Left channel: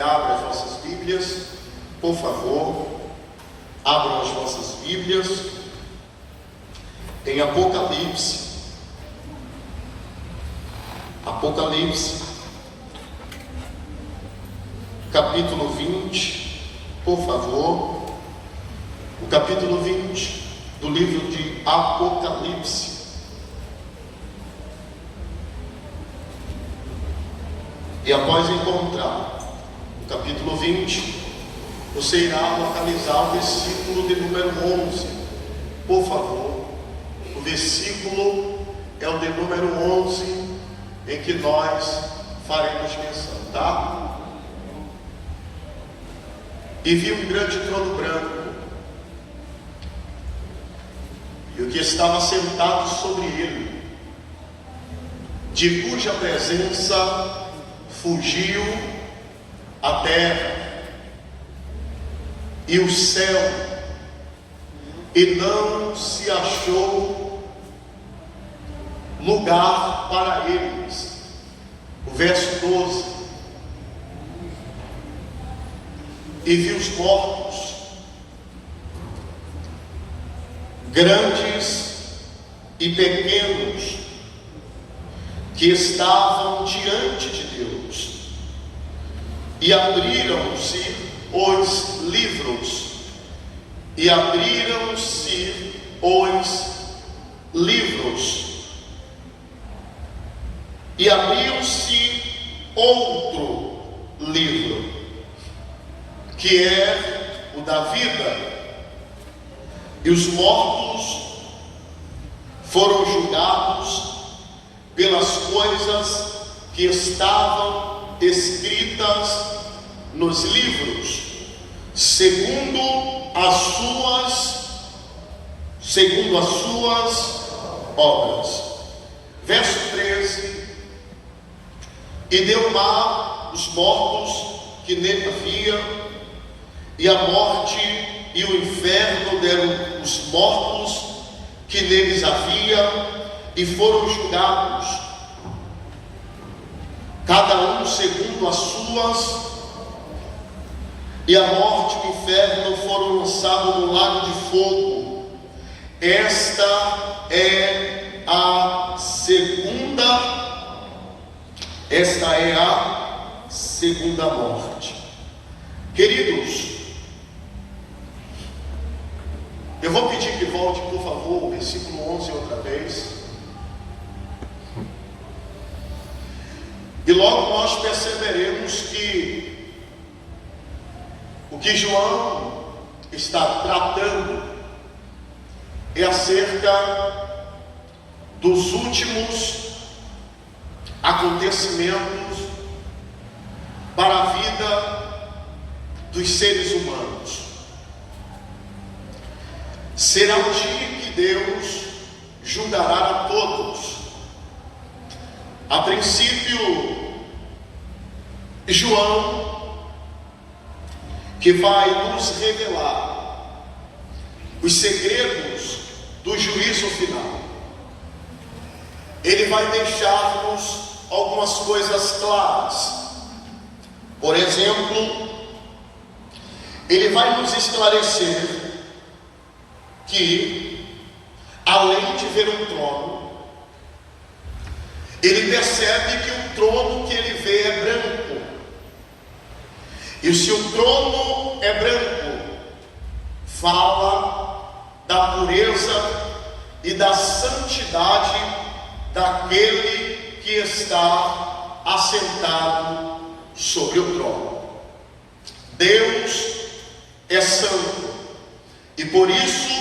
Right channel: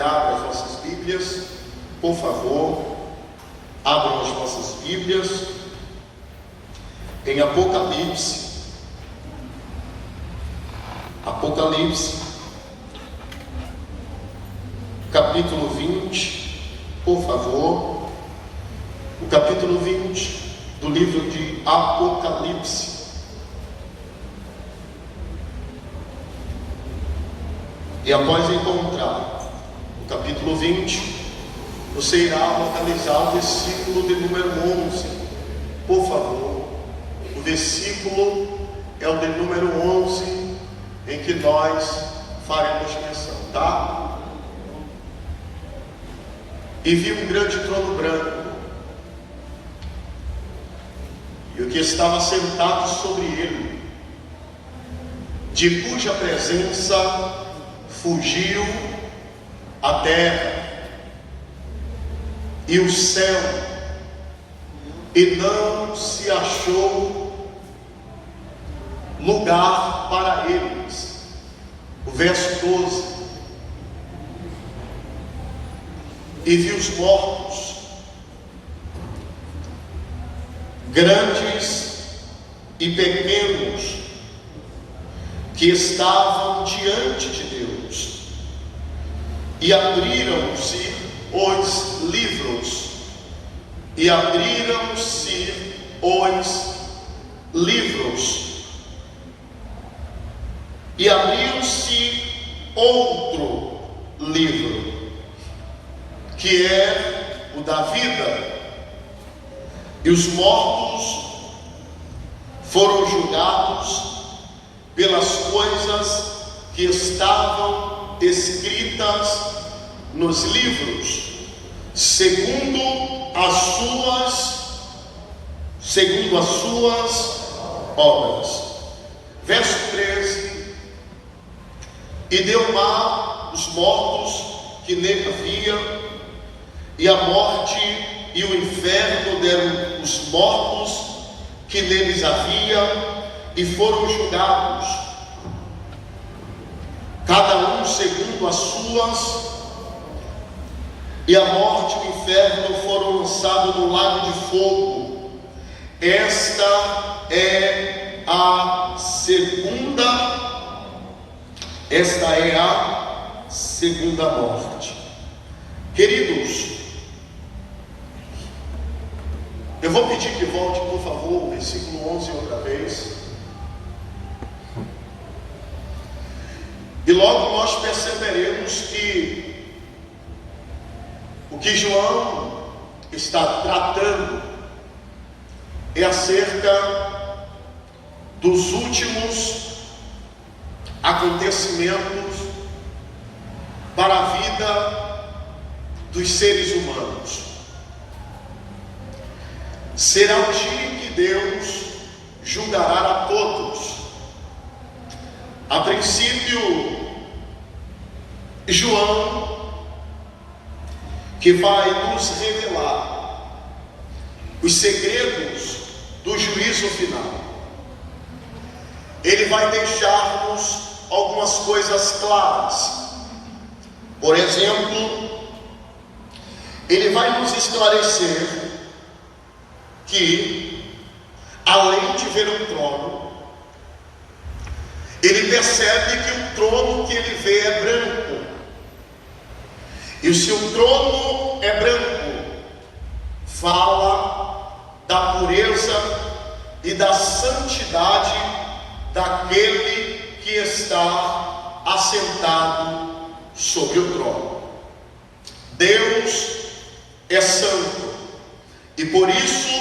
Abra as vossas Bíblias, por favor, abram as vossas Bíblias em Apocalipse. Apocalipse, capítulo 20, por favor, o capítulo 20 do livro de Apocalipse. E após encontrar capítulo 20, você irá localizar o versículo de número 11, por favor. O versículo é o de número 11 em que nós faremos menção, tá? E vi um grande trono branco, e o que estava sentado sobre ele, de cuja presença fugiu a terra e o céu, e não se achou lugar para eles. O verso 12: e vi os mortos, grandes e pequenos, que estavam diante de Deus, e abriram-se os livros, e abriram-se os livros, e abriu-se outro livro, que é o da vida, e os mortos foram julgados pelas coisas que estavam escritas nos livros, segundo as suas obras. Verso 13: e deu o mar os mortos que nele havia, e a morte e o inferno deram os mortos que neles havia, e foram julgados, cada um segundo as suas, e a morte e o inferno foram lançados no lago de fogo. Esta é a segunda morte. Queridos, eu vou pedir que volte, por favor, o versículo 11 outra vez. E logo nós perceberemos que o que João está tratando é acerca dos últimos acontecimentos para a vida dos seres humanos. Será o dia que Deus julgará a todos. A princípio, João, que vai nos revelar os segredos do juízo final, ele vai deixar-nos algumas coisas claras. Por exemplo, ele vai nos esclarecer que, além de ver um trono, ele percebe que o trono que ele vê é branco. E se o trono é branco, fala da pureza e da santidade daquele que está assentado sobre o trono. Deus é santo, e por isso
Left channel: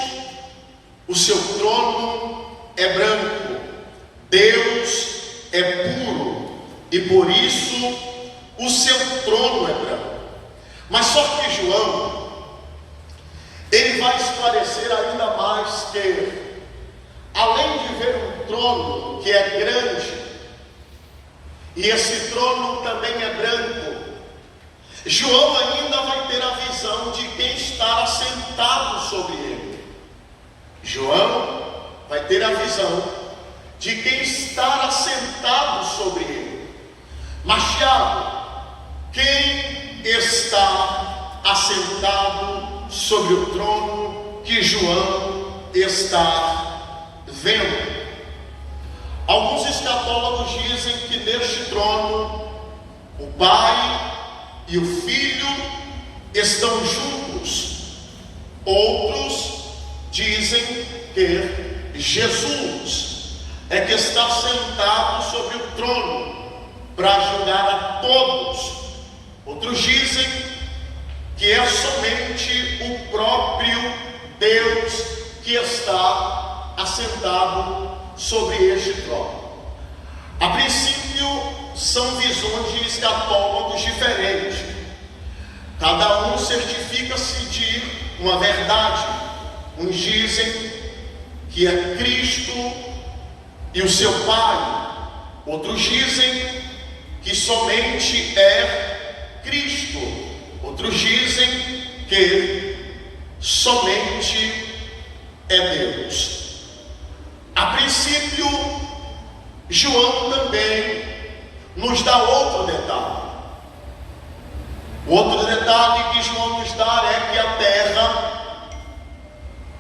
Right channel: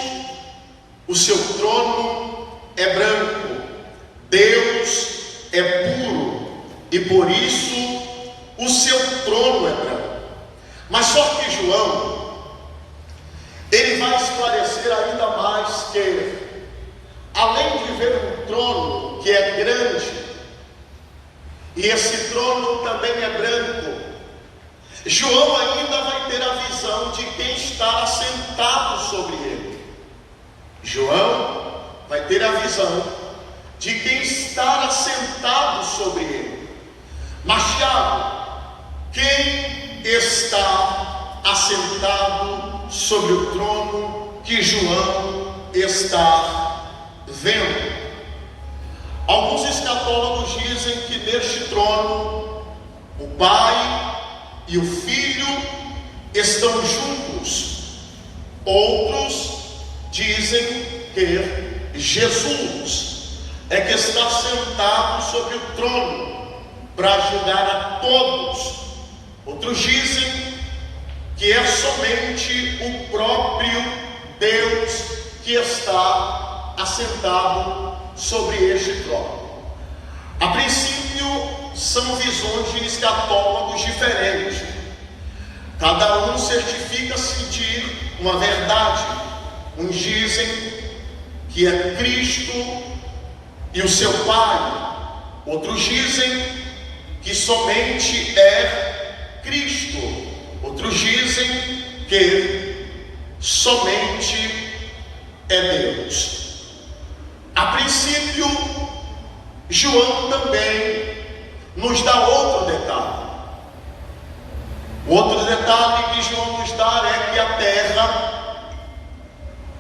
o seu trono é branco. Deus é puro, e por isso o seu trono é branco. Mas só que João, ele vai esclarecer ainda mais que, além de ver um trono que é grande, e esse trono também é branco, João ainda vai ter a visão de quem está assentado sobre ele. João vai ter a visão de quem está assentado sobre ele. Mas Tiago, quem está assentado sobre o trono que João está vendo. Alguns escatólogos dizem que neste trono o Pai e o Filho estão juntos. Outros dizem que Jesus é que está sentado sobre o trono para julgar a todos. Outros dizem que é somente o próprio Deus que está assentado sobre este trono. A princípio, são visões de escatólogos diferentes. Cada um certifica-se de uma verdade. Uns dizem que é Cristo e o seu Pai. Outros dizem que somente é Cristo. Outros dizem que somente é Deus. A princípio, João também nos dá outro detalhe. O outro detalhe que João nos dá é que a terra,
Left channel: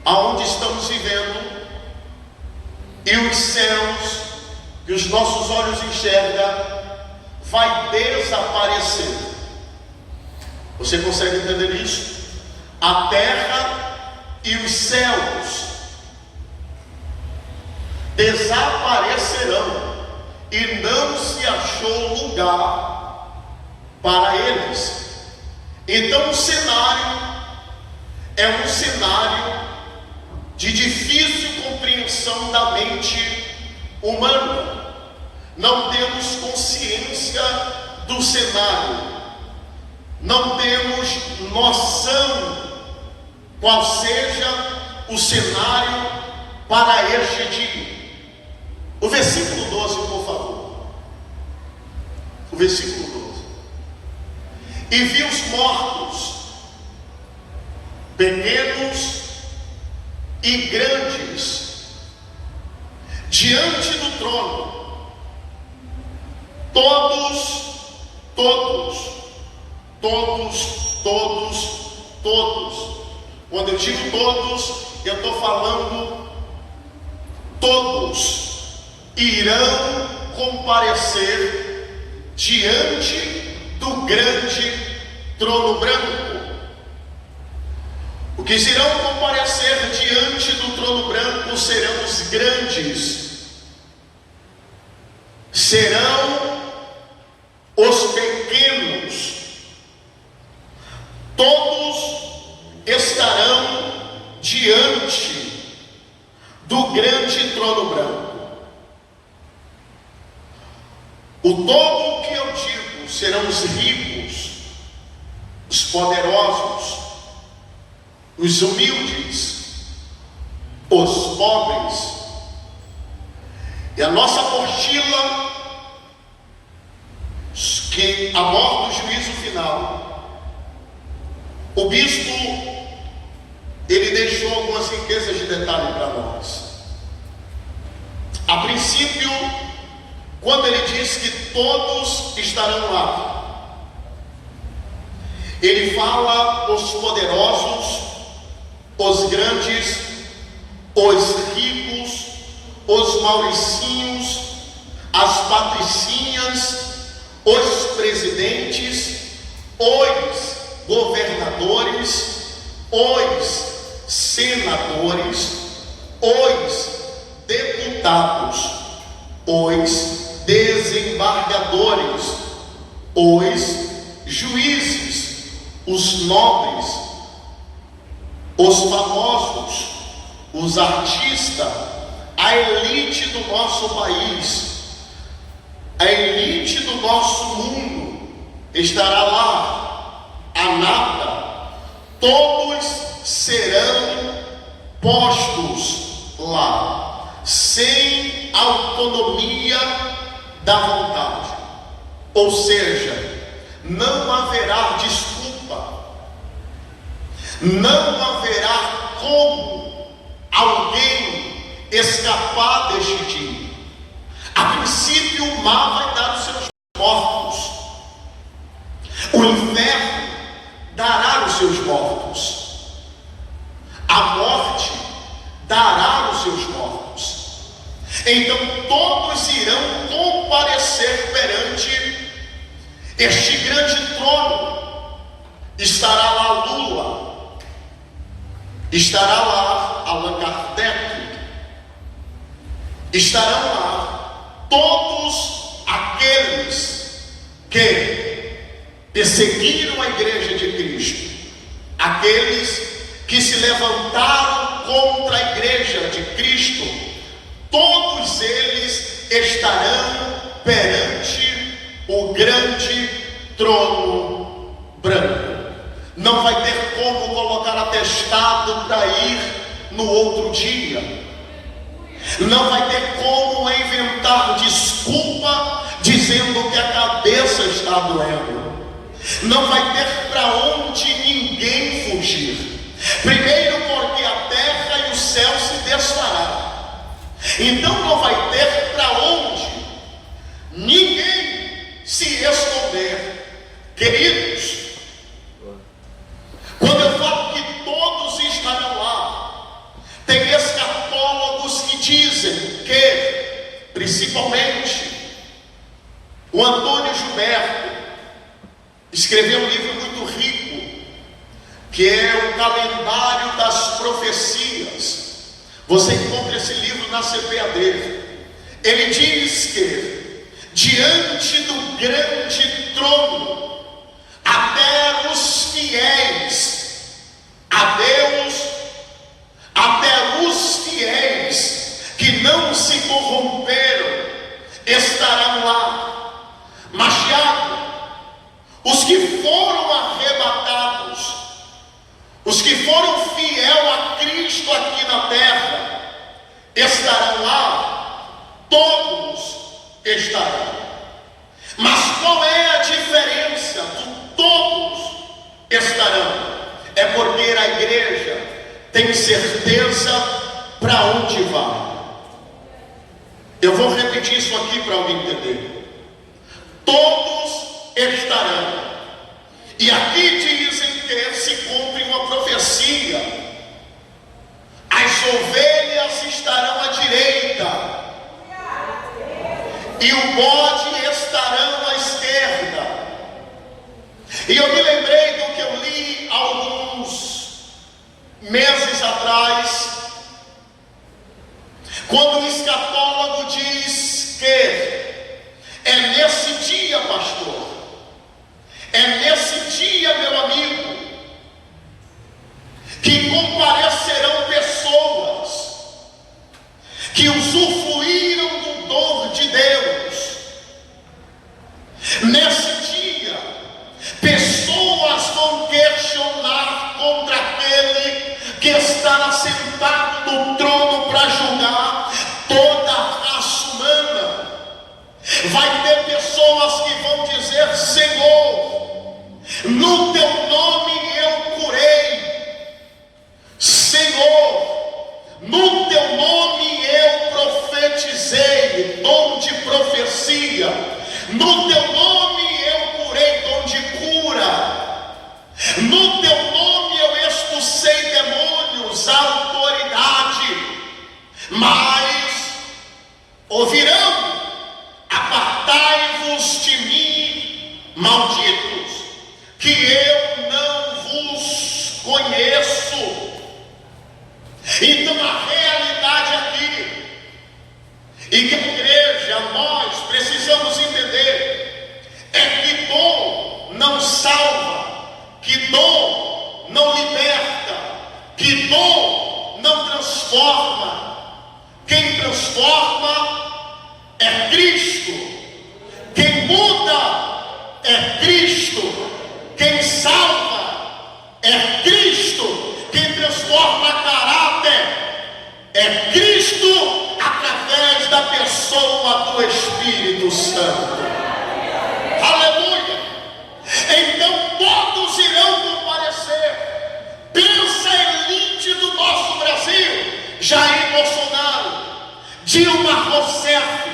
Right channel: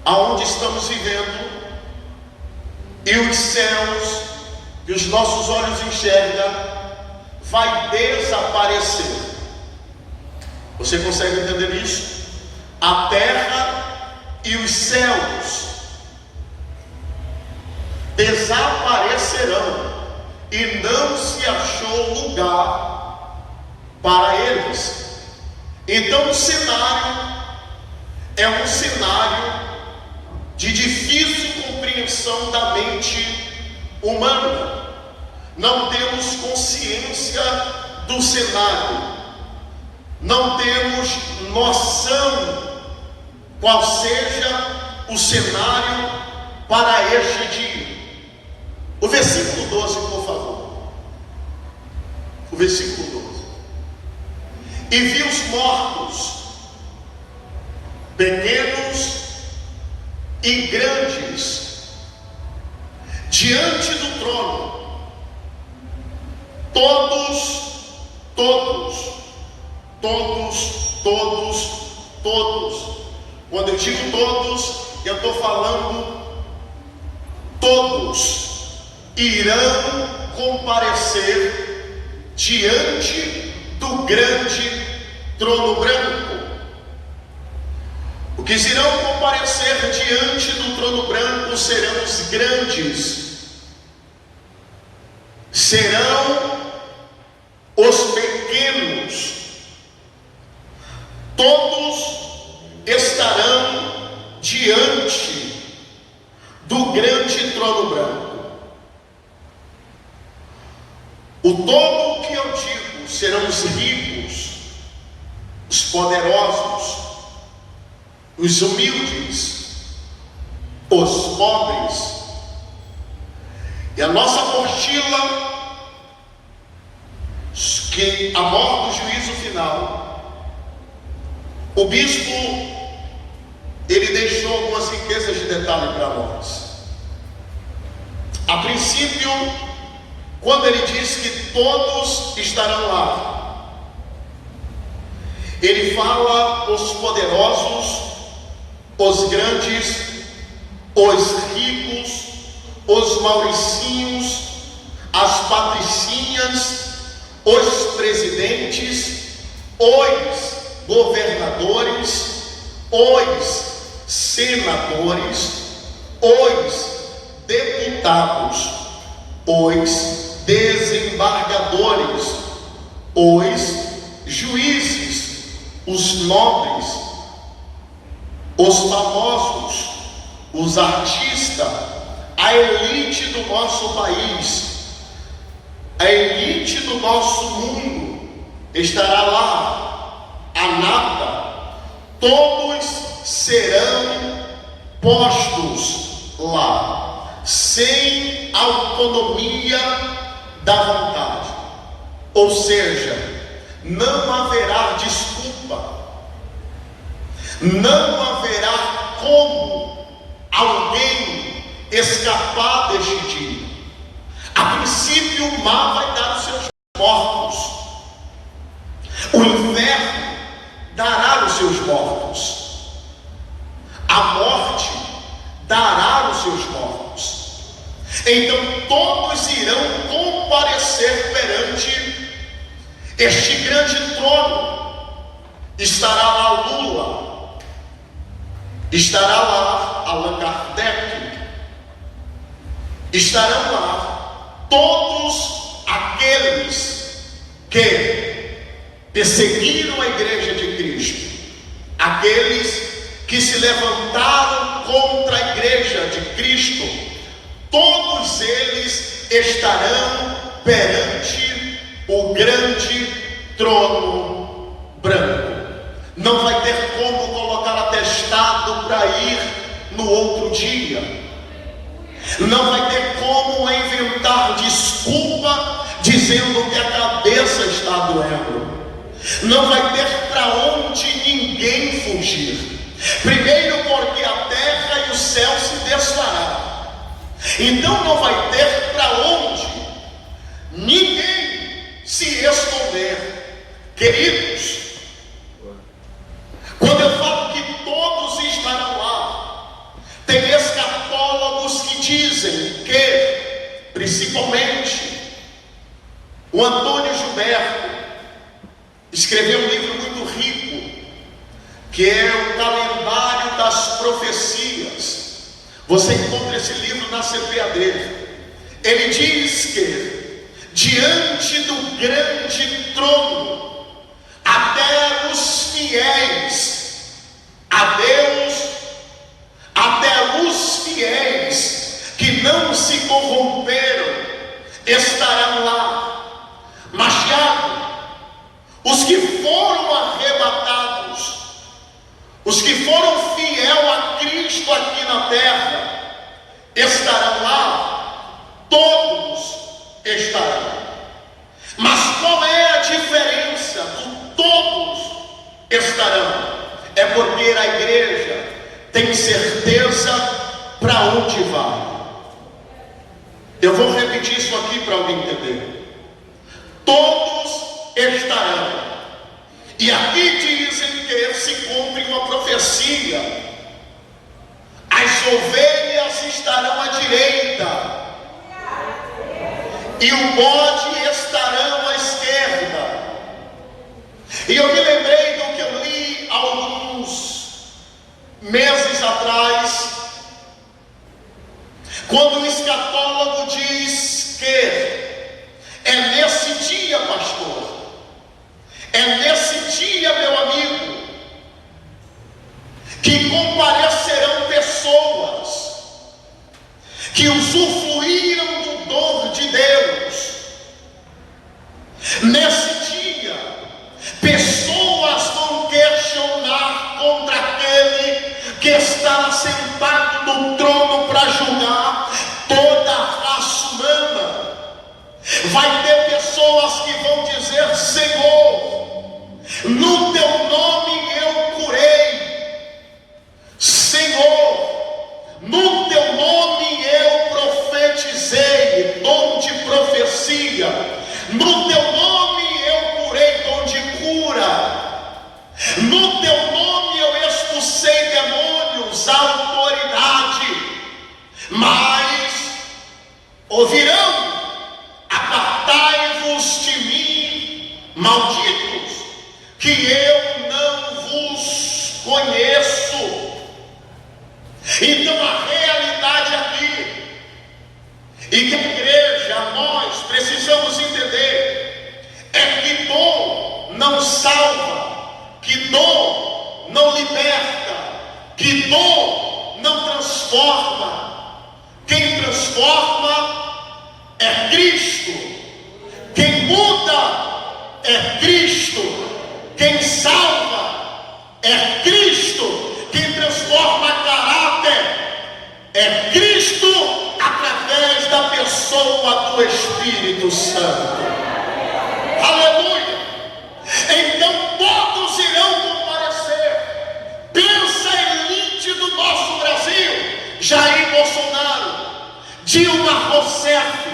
aonde estamos vivendo, e os céus que os nossos olhos enxergam, vai desaparecer. Você consegue entender isso? A terra e os céus desaparecerão e não se achou lugar para eles. Então o cenário é um cenário de difícil compreensão da mente humana. Não temos consciência do cenário, não temos noção qual seja o cenário para este dia. O versículo 12, por favor. O versículo 12. E vi os mortos, pequenos e grandes, diante do trono, todos. Quando eu digo todos, eu estou falando todos irão comparecer diante do grande trono branco. Os que irão comparecer diante do trono branco serão os grandes, serão os pequenos, todos estarão diante do grande trono branco. O todo que eu digo serão os ricos, os poderosos, os humildes, os pobres. E a nossa apostila, que aborda o juízo final, o bispo, ele deixou algumas riquezas de detalhe para nós. A princípio, quando ele diz que todos estarão lá, ele fala os poderosos, os grandes, os ricos, os mauricinhos, as patricinhas, os presidentes, os governadores, os senadores, os deputados, os desembargadores, os juízes, os nobres, os famosos, os artistas, a elite do nosso país, a elite do nosso mundo estará lá, a nata, todos serão postos lá, sem autonomia da vontade. Ou seja, não haverá desculpa, não haverá como alguém escapar deste dia. A princípio, o mar vai dar os seus mortos, o inferno seus mortos. A morte dará os seus mortos. Então todos irão comparecer perante este grande trono. Estará lá Lula, estará lá Allan Kardec, estarão lá todos aqueles que perseguiram a igreja de Cristo, aqueles que se levantaram contra a igreja de Cristo. Todos eles estarão perante o grande trono branco. Não vai ter como colocar atestado para ir no outro dia. Não vai ter como inventar desculpa dizendo que a cabeça está doendo. Não vai ter para onde ninguém fugir. Primeiro porque a terra e o céu se desfarão. Então não vai ter para onde ninguém se esconder. Queridos, quando eu falo que todos estarão lá, tem escatólogos que dizem que, principalmente, o Antônio Gilberto escreveu um livro muito rico, que é o Calendário das Profecias. Você encontra esse livro na CPAD. Ele diz que diante do grande trono, até os fiéis a Deus, até os fiéis que não se corromperam, estarão lá. Mas Tiago, os que foram arrebatados, os que foram fiel a Cristo aqui na terra, estarão lá? Todos estarão. Mas qual é a diferença do todos estarão? É porque a igreja tem certeza para onde vai. Eu vou repetir isso aqui para alguém entender. Todos estarão. E aqui dizem que se cumpre uma profecia: as ovelhas estarão à direita e o bode estarão à esquerda. E eu me lembrei do que eu li alguns meses atrás, quando o escatólogo diz que é nesse dia, pastor, é nesse dia, meu amigo, que comparecerão pessoas que usufruíram do dom de Deus. Nesse dia, pessoas vão questionar contra aquele que está sentado no trono para julgar toda a raça humana. Vai ter pessoas que vão dizer: Senhor, no teu nome eu curei. Senhor, no teu nome eu profetizei, dom de profecia. No teu nome eu curei, dom de cura. No teu nome eu expulsei demônios, autoridade. Mas ouvirão: apartai-vos de mim, malditos, que eu não vos conheço. Então a realidade aqui, e que a igreja, nós precisamos entender, é que dom não salva, que dom não liberta, que dom não transforma. Quem transforma é Cristo. Quem muda é Cristo. Quem salva é Cristo. Quem transforma caráter é Cristo, através da pessoa do Espírito Santo. Aleluia! Então todos irão comparecer. Pensa a elite do nosso Brasil: Jair Bolsonaro, Dilma Rousseff,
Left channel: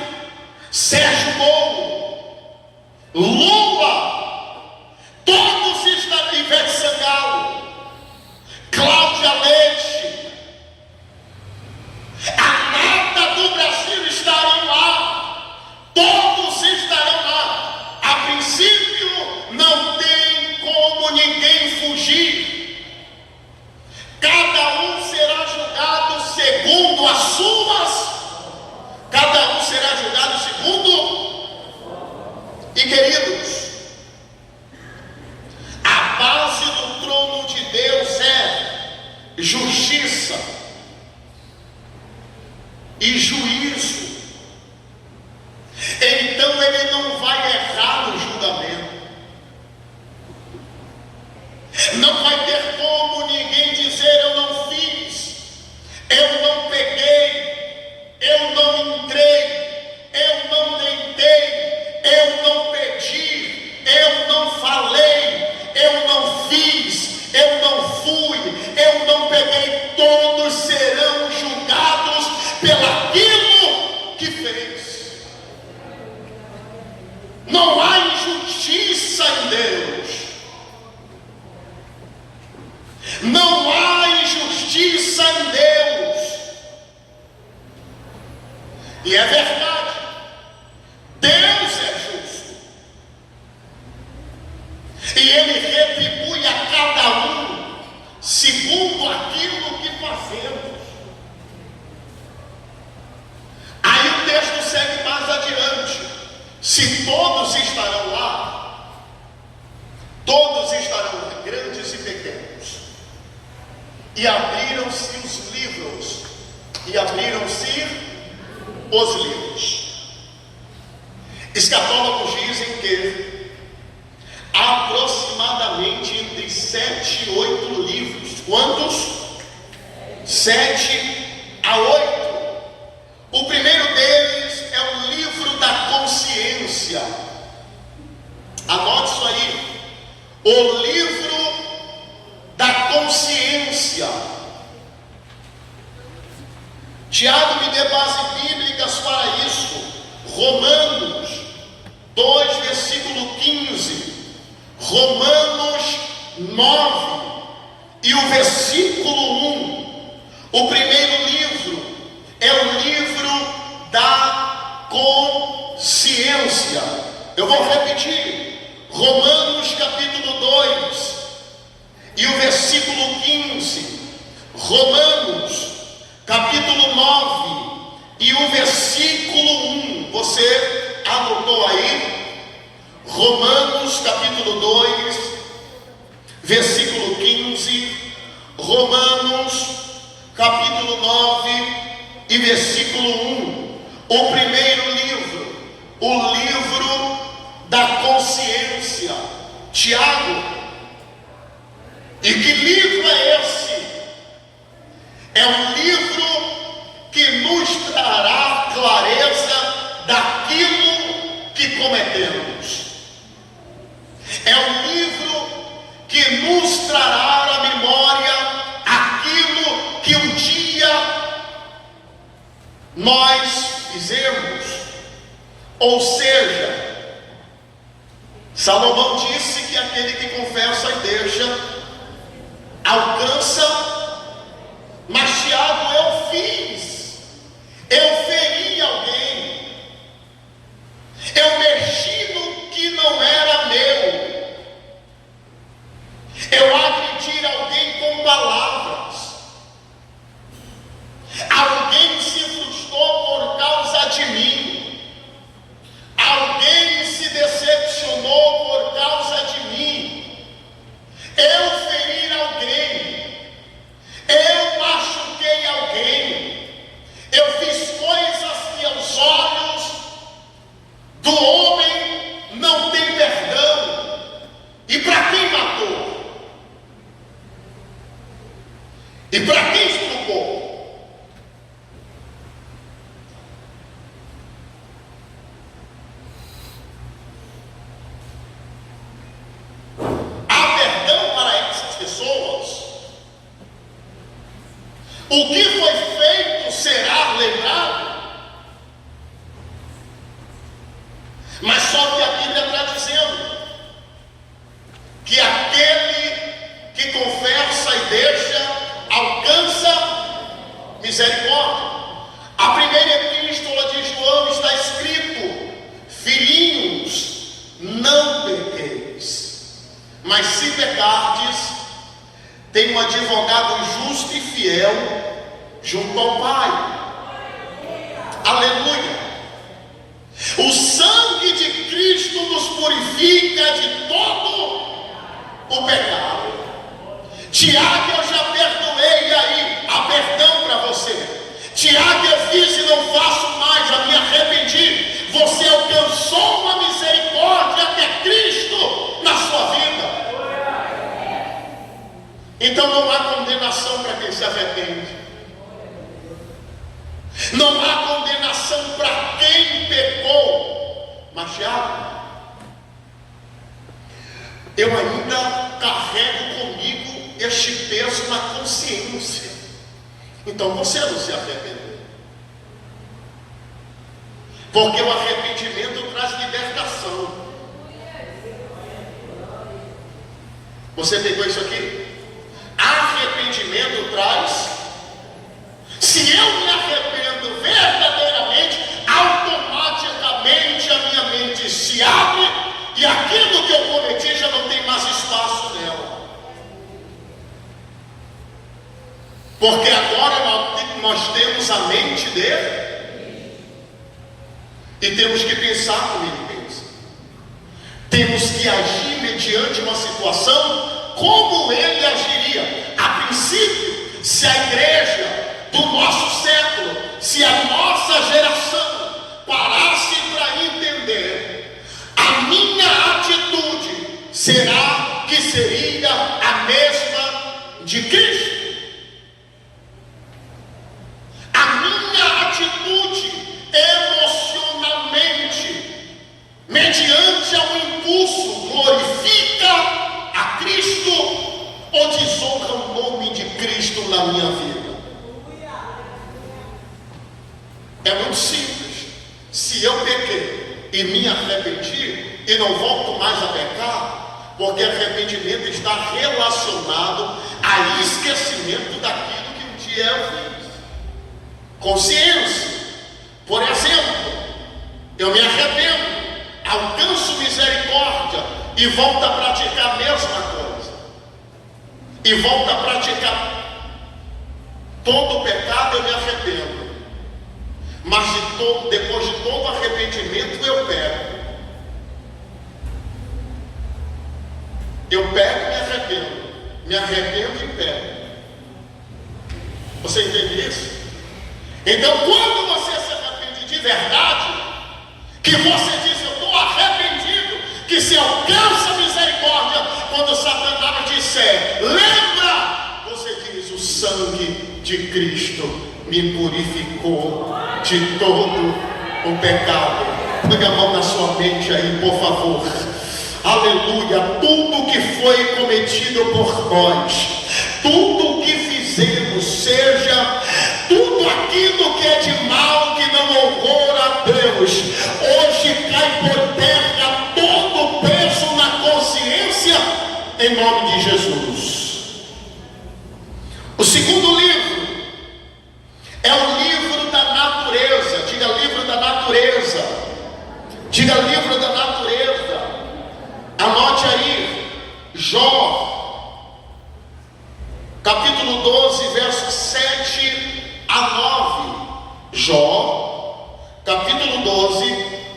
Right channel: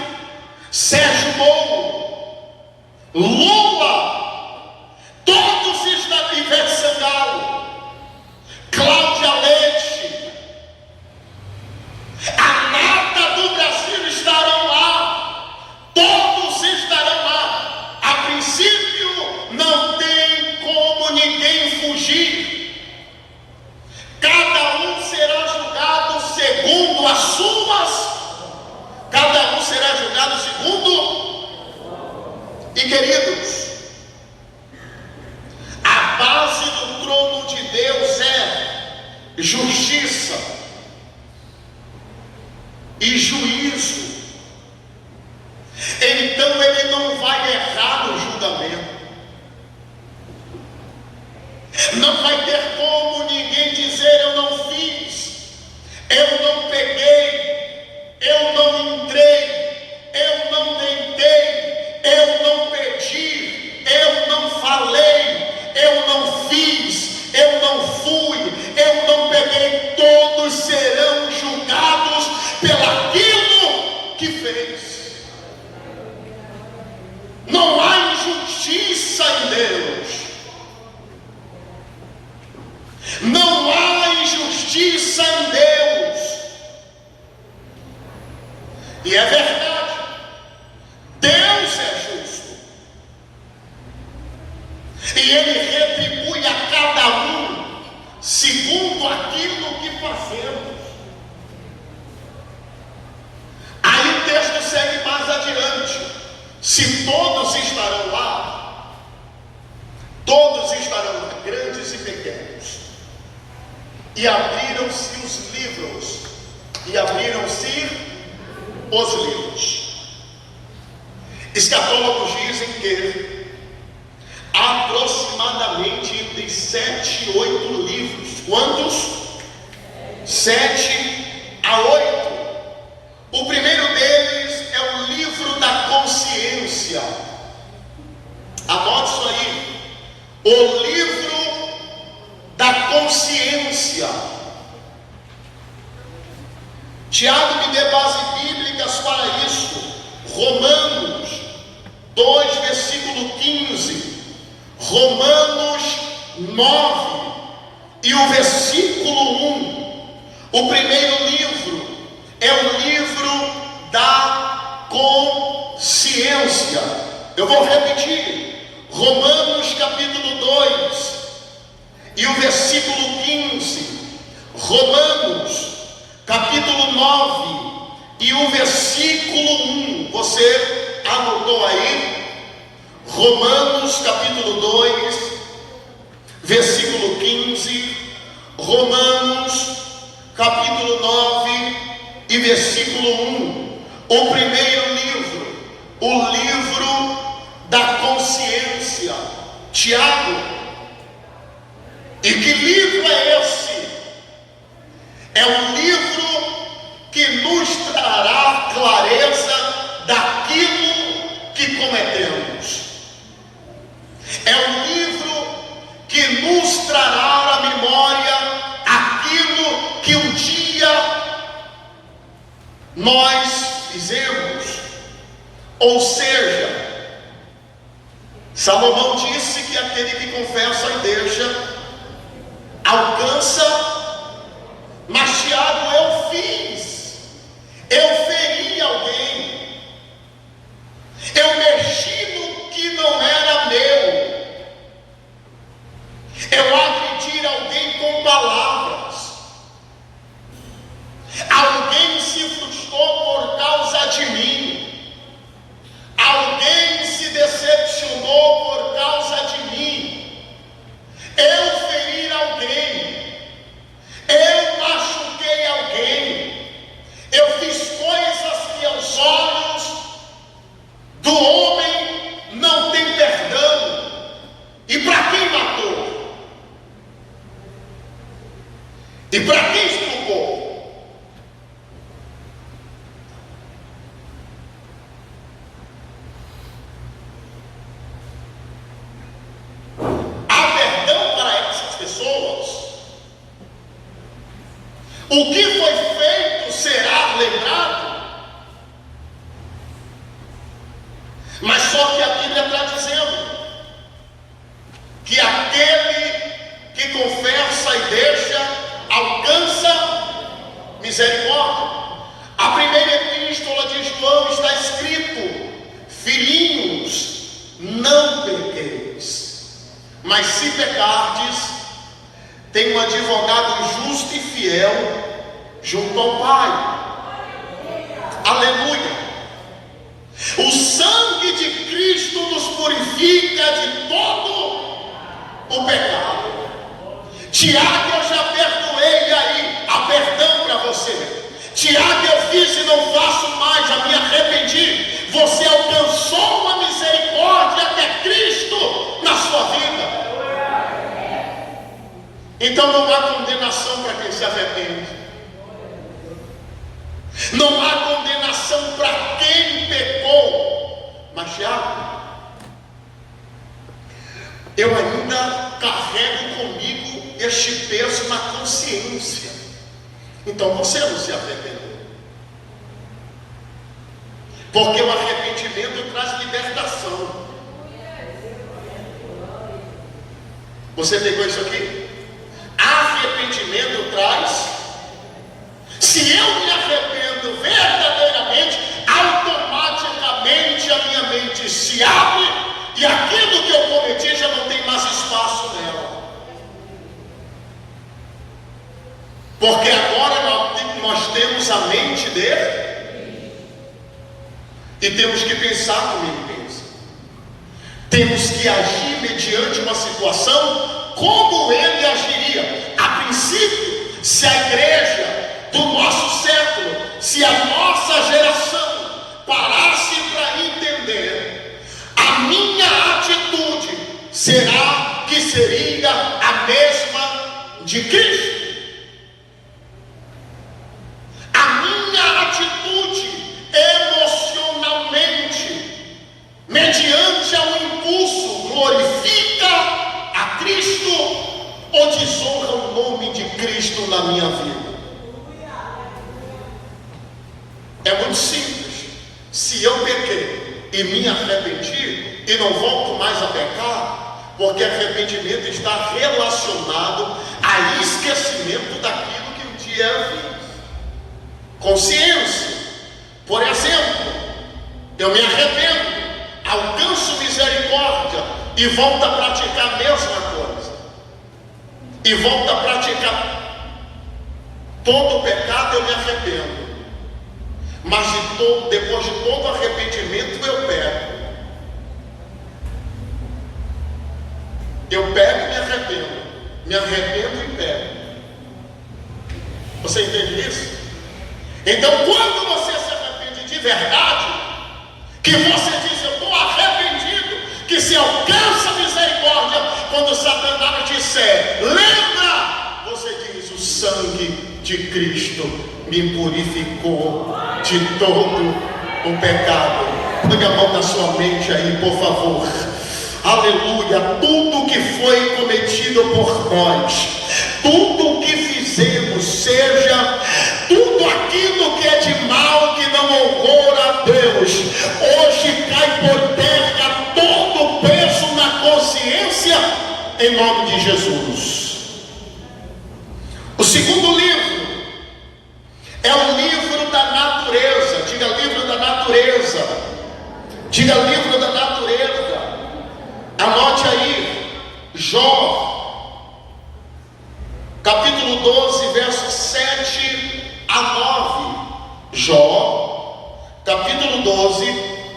Sérgio Moro, Lula, todos estão, Ivete Sangalo, justiça e juízo. Então ele não vai errar no julgamento. Não vai ter como ninguém dizer: eu não fiz, eu não peguei, eu não entrei, eu não tentei, eu não pedi, eu não falei, eu não fiz, eu não fui, eu não peguei. Todos serão julgados pelaquilo que fez. Não há injustiça em Deus. Não há injustiça em Deus. E é verdade, Deus é justo, e Ele retribui a cada um segundo aquilo que fazemos. Aí o texto segue mais adiante: se todos estarão lá, todos estarão lá, grandes e pequenos. E abriram-se os livros, e abriram-se os livros. Escatólogos dizem que aproximadamente entre 7 e 8 livros. Quantos? 7 a 8. O primeiro deles é o livro da consciência. Anote isso aí. O livro da consciência. Tiago me dê base bíblicas para isso. Romanos 2, versículo 15. Romanos 9 e o versículo 1. O primeiro livro é o livro da consciência. Eu vou repetir. Romanos capítulo 2 e o versículo 15, Romanos capítulo 9 e o versículo 1, você anotou aí? Romanos capítulo 2, versículo 15, Romanos capítulo 9 e versículo 1, o primeiro livro, o livro da consciência. Tiago, e que livro é esse? É um livro que nos trará clareza daquilo que cometemos. É um livro que nos trará à memória aquilo que um dia nós fizemos. Ou seja, Salomão disse que aquele que confessa e deixa alcança, mas Tiago, eu fiz, eu feri alguém, eu mexi no que não era meu, eu agredi alguém com palavras, alguém se frustrou por causa de mim, alguém se decepcionou por causa de mim, eu feri alguém, eu machuquei alguém, eu fiz coisas que aos olhos do homem não tem perdão. E para quem matou? E para quem estuprou? O que foi feito será lembrado. Mas só que a Bíblia está dizendo que aquele que confessa e deixa alcança misericórdia. A primeira epístola de João está escrito: filhinhos, não pequeis, mas se pecardes, tem um advogado justo e fiel junto ao Pai. Aleluia. O sangue de Cristo nos purifica de todo o pecado. Tiago, eu já perdoei a Tiago, eu fiz e não faço mais, já me arrependi. Você alcançou uma misericórdia até Cristo na sua vida. Então não há condenação para quem se arrepende. Não há condenação para quem pecou. Mas Tiago, eu ainda carrego comigo este peso na consciência. Então você não se arrependeu. Porque o arrependimento traz libertação. Você pegou isso aqui? Arrependimento traz. Se eu me arrependo verdadeiramente, automaticamente a minha mente se abre e aquilo que eu cometi já não tem mais espaço nela. Porque agora nós temos a mente dele e temos que pensar como ele pensa. Temos que agir mediante uma situação como ele agiria. A princípio, se a igreja do nosso século, se a nossa geração parasse para entender, a minha atitude será que seria a mesma de Cristo. A minha atitude emocionalmente, mediante um impulso, glorifica a Cristo ou desonra o nome de Cristo na minha vida? É muito simples. Se eu pequei e me arrependi e não volto mais a pecar, porque arrependimento está relacionado a esquecimento daquilo que um dia eu fiz. Consciência. Por exemplo, eu me arrependo, alcanço misericórdia e volto a praticar a mesma coisa. E volto a praticar todo o pecado, eu me arrependo. Mas depois de todo arrependimento eu pego. Eu pego e me arrependo. Me arrependo e pego. Você entende isso? Então quando você se arrepende de verdade, que você diz eu estou arrependido, que se alcança misericórdia, quando Satanás disser, lembra, você diz, o sangue de Cristo me purificou de todo o pecado. Põe a mão na sua mente aí, por favor. Aleluia. Tudo que foi cometido por nós, tudo que fizemos, seja tudo aquilo que é de mal, que não honra a Deus, hoje cai por terra todo o peso na consciência, em nome de Jesus. O segundo livro é o livro da natureza. Diga livro da natureza. Diga livro da natureza. Anote aí. Jó, capítulo 12, versos 7 a 9. Jó, capítulo 12,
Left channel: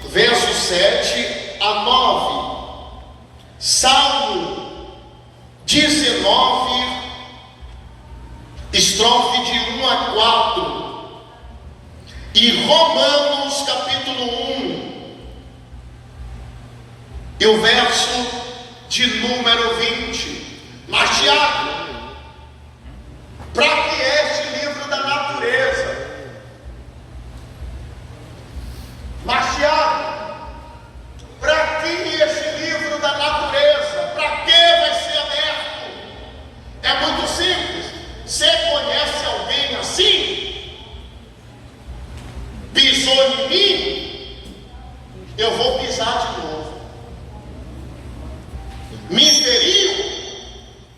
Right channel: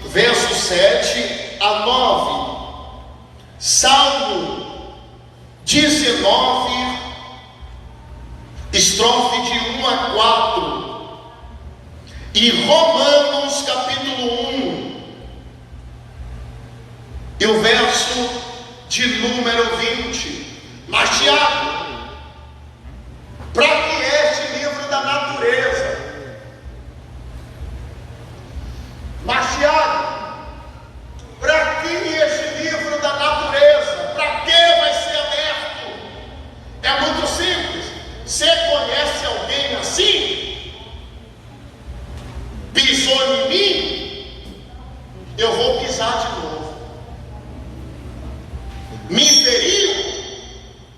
versos 7 a 9. Salmo 19, estrofe de 1 a 4. E Romanos capítulo 1, e o verso de número 20. Mas Tiago, para que este livro da natureza? Mas Tiago, para que este livro da natureza? Para que vai ser aberto? É muito simples. Você conhece alguém assim? Pisou em mim, eu vou pisar de novo. Me feriu,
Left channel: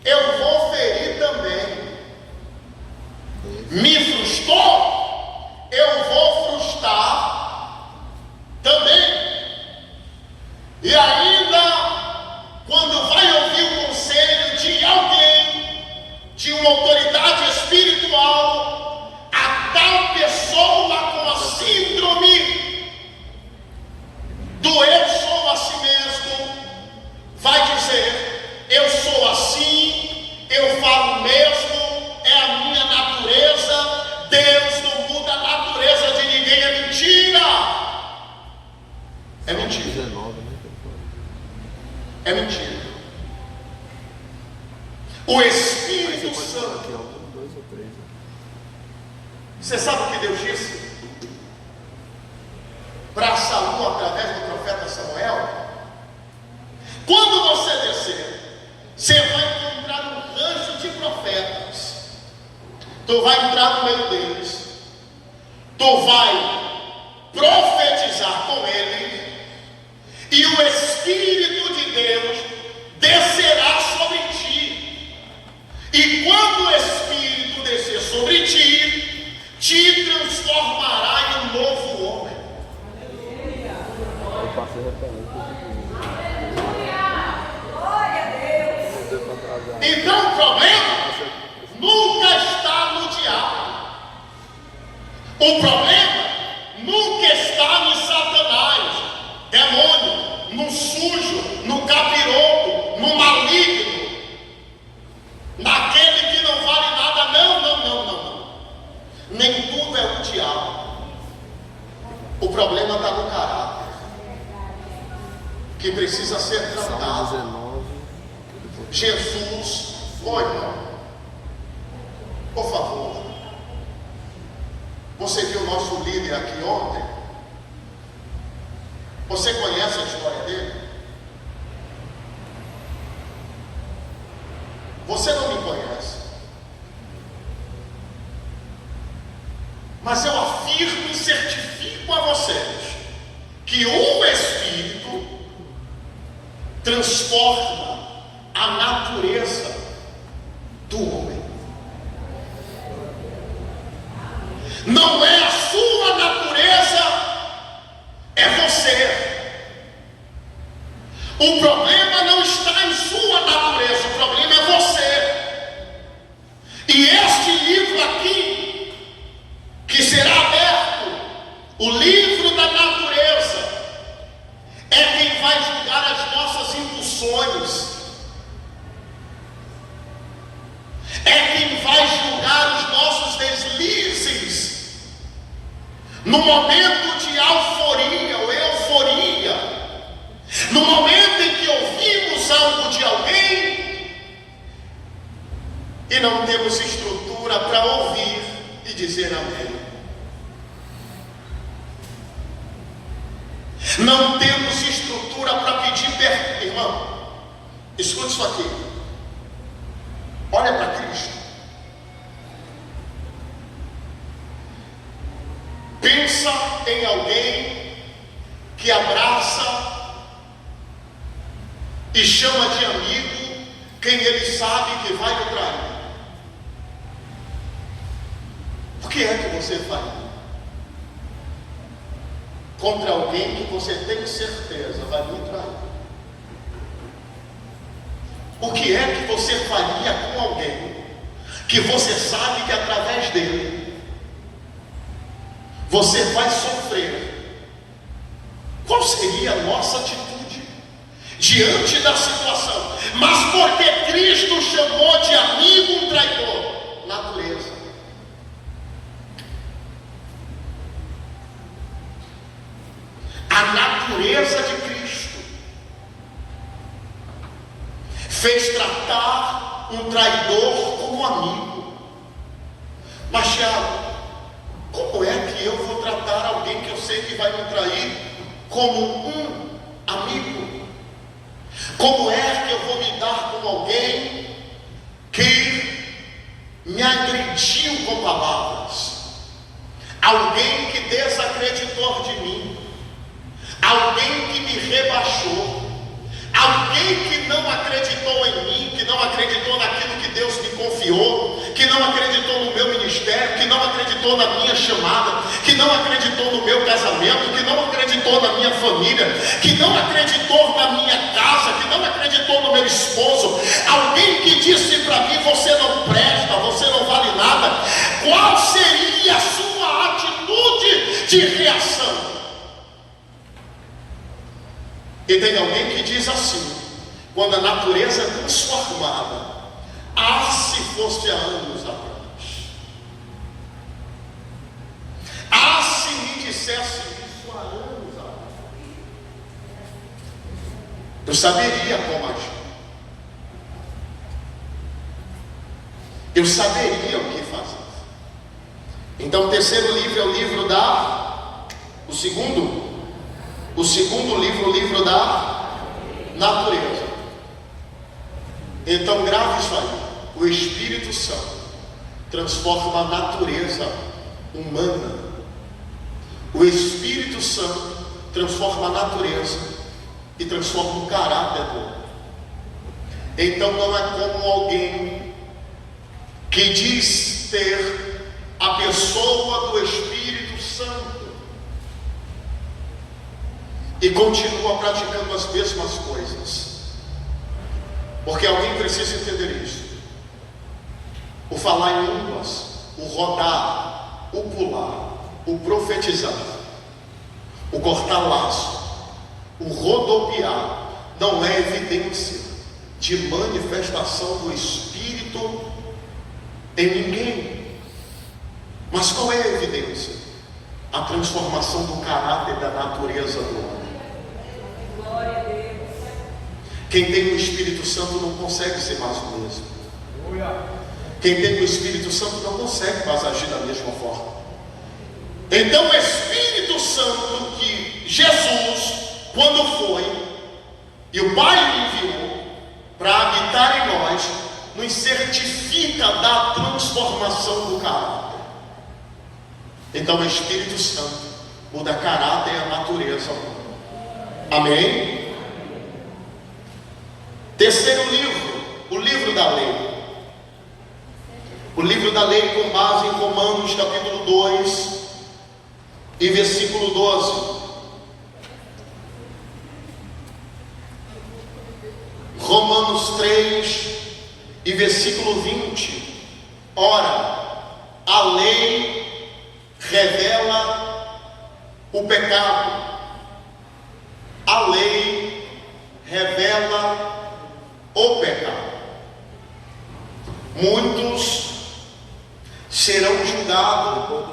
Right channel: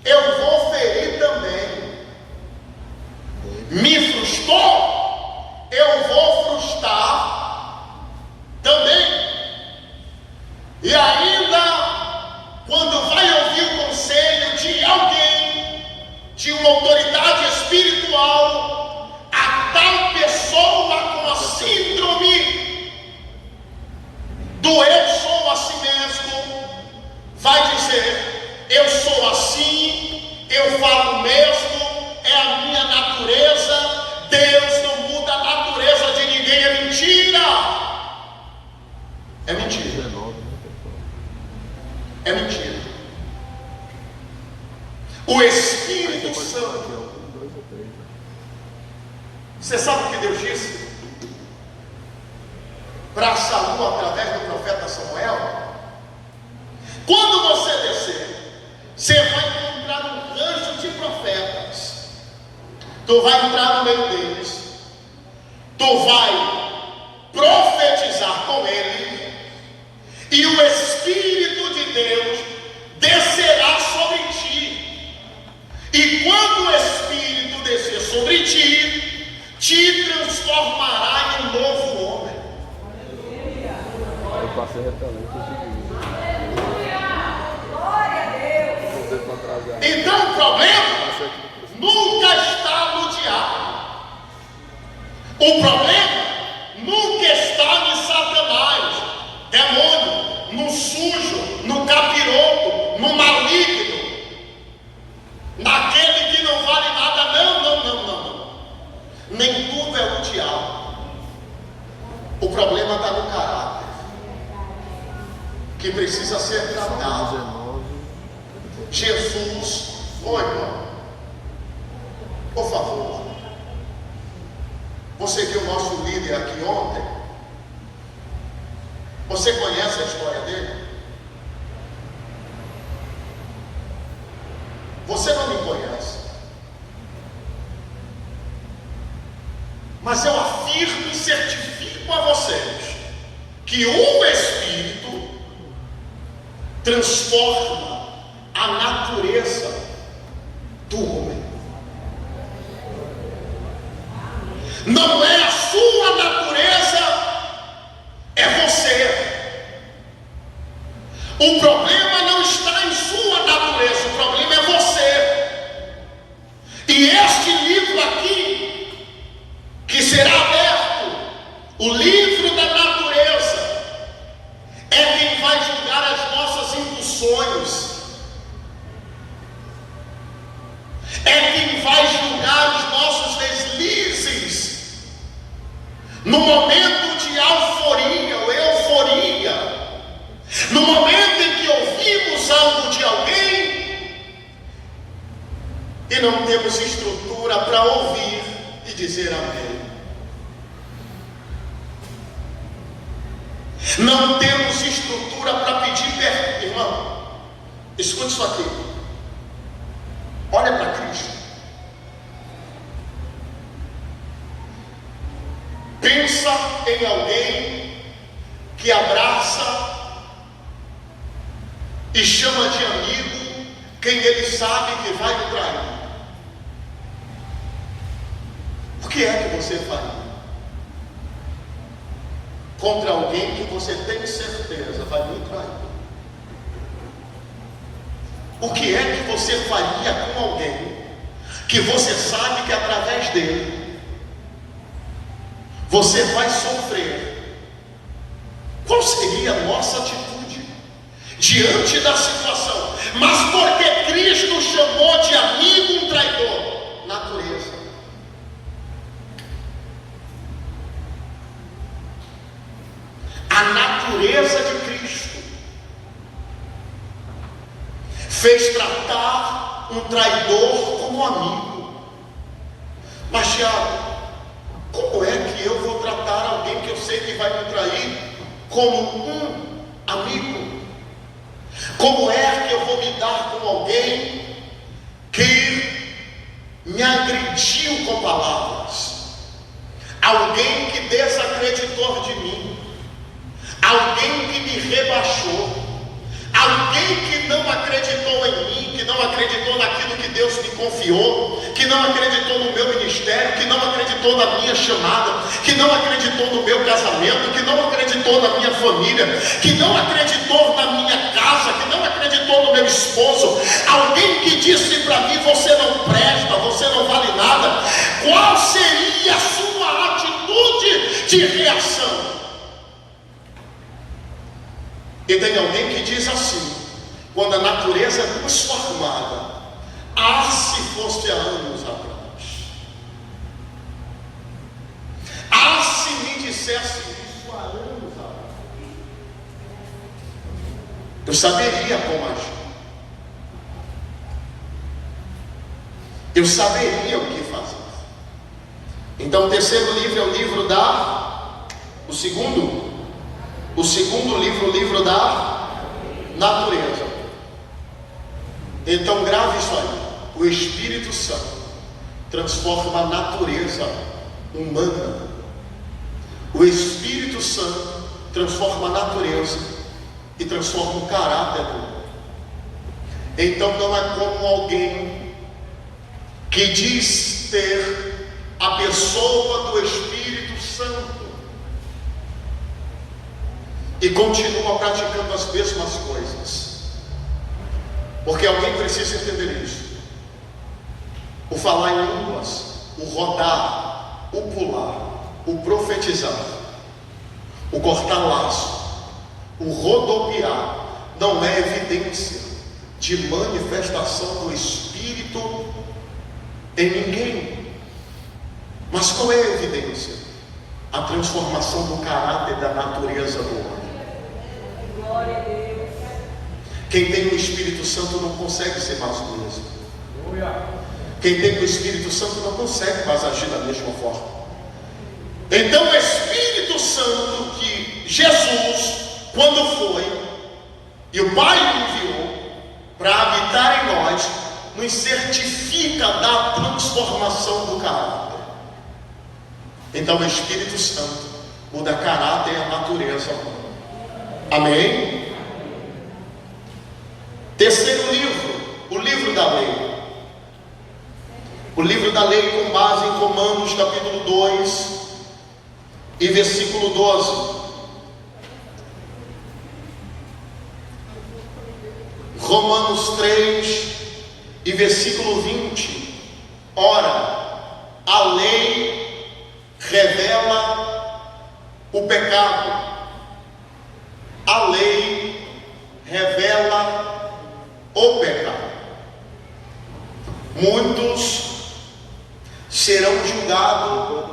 eu vou ferir também. Me frustrou, eu vou frustrar também. E ainda, quando vai ouvir o conselho de alguém, de uma autoridade espiritual, a tal pessoa com a síndrome do É mentira. É mentira. O Espírito Santo. Você sabe o que Deus disse para Saul através do profeta Samuel? Quando você descer, você vai encontrar um rancho de profetas. Tu vai entrar no meio deles. Tu vai profetizar com ele. E o Espírito de Deus descerá sobre ti. E quando o Espírito descer sobre ti, te transformará em um novo homem. Eu passei retalhando. Então o problema nunca está no diabo. O problema nunca está em Satanás, demônio, no sujo, no capiroto, no maligno, naquele que não vale nada. Não. Nem tudo é o diabo. O problema está no caráter, que precisa ser tratado. Jesus, irmão, por favor. Você viu o nosso líder aqui ontem? Você conhece a história dele? Você não me conhece, mas eu afirmo e certifico a vocês que o Espírito transforma a natureza do homem. Não é a sua natureza, é você. O problema não está em sua natureza, o problema é você. E este livro aqui, que será aberto, o livro da natureza, é quem vai julgar as nossas impulsões. É quem vai julgar os nossos deslizes no momento de euforia ou euforia, no momento em que ouvimos algo de alguém e não temos estrutura para ouvir e dizer amém. Não temos estrutura para pedir perdão. Irmão, escute isso aqui. Olha para Cristo. Pensa em alguém que abraça e chama de amigo quem ele sabe que vai o trair. O que é que você faria contra alguém que você tem certeza vai me trair? O que é que você faria com alguém que você sabe que através dele você vai sofrer? Qual seria a nossa atitude diante da situação? Mas porque Cristo chamou de amigo um traidor? Natureza. A natureza de Cristo fez tratar um traidor como amigo. Mas Tiago, como é que eu vou tratar alguém que eu sei que vai me trair como um amigo? Como é que eu vou lidar com alguém que me agrediu com palavras? Alguém que desacreditou de mim, alguém que me rebaixou, alguém que não acreditou em mim, que não acreditou naquilo que Deus me confiou, que não acreditou no meu ministério, que não acreditou na minha chamada, que não acreditou no meu casamento, que não acreditou na minha família, que não acreditou na minha casa, que não acreditou no meu esposo. Alguém que disse para mim: você não presta, você não vale nada. Qual seria a sua atitude de reação? E tem alguém que diz assim, quando a natureza é transformada: ah, se fosse há anos atrás, ah, se me dissesse isso há anos atrás. eu saberia como agir. Eu saberia o que fazer. Então o terceiro livro é o livro o segundo livro, o livro da natureza. Então grave isso aí. O Espírito Santo transforma a natureza humana. O Espírito Santo transforma a natureza e transforma o caráter do homem. Então não é como alguém que diz ter a pessoa do Espírito Santo e continua praticando as mesmas coisas. Porque alguém precisa entender isso. O falar em línguas, o rodar, o pular, o profetizar, o cortar laço, o rodopiar, não é evidência de manifestação do Espírito em ninguém. Mas qual é a evidência? A transformação do caráter da natureza do homem. Glória a Deus. Quem tem o Espírito Santo não consegue ser mais o mesmo. Quem tem o Espírito Santo não consegue mais agir da mesma forma. Então o Espírito Santo que Jesus, quando foi, e o Pai o enviou para habitar em nós, nos certifica da transformação do caráter. Então o Espírito Santo muda caráter e a natureza humana. Amém? Terceiro livro, o livro da lei. O livro da lei com base em Romanos capítulo 2 e versículo 12. Romanos 3 e versículo 20. Ora, a lei revela o pecado. A lei revela o pecado. Muitos serão julgados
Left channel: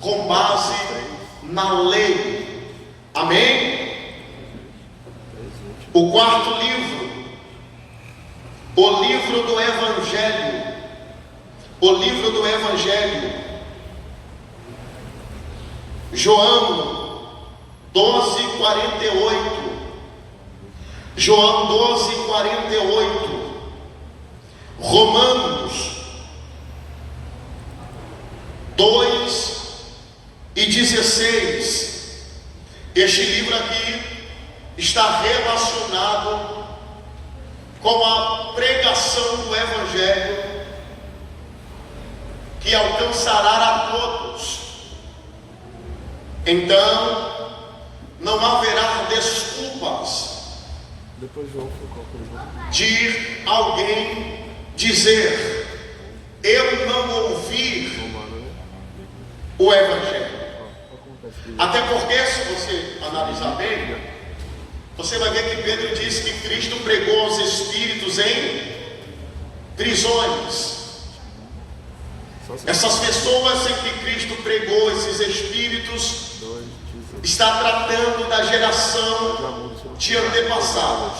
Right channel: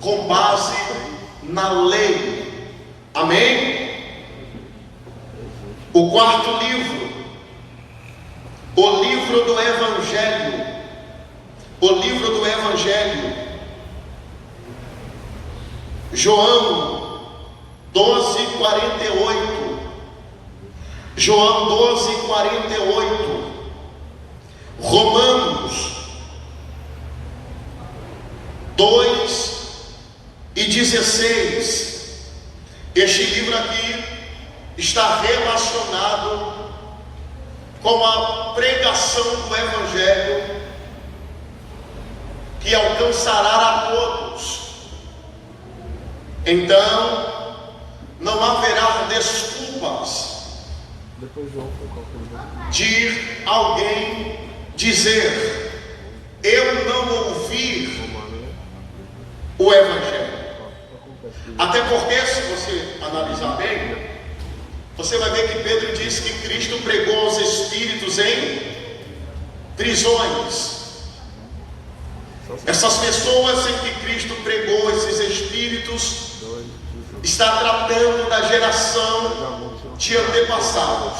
com base na lei. Amém? O quarto livro, o livro do Evangelho. O livro do Evangelho. João 12:48. João 12:48. Romanos 2:16. Este livro aqui está relacionado com a pregação do Evangelho que alcançará a todos. Então não haverá desculpas de alguém dizer: eu não ouvi o Evangelho. Até porque, se você analisar bem, você vai ver que Pedro disse que Cristo pregou aos espíritos em prisões. Essas pessoas em que Cristo pregou, esses espíritos, está tratando da geração de antepassados.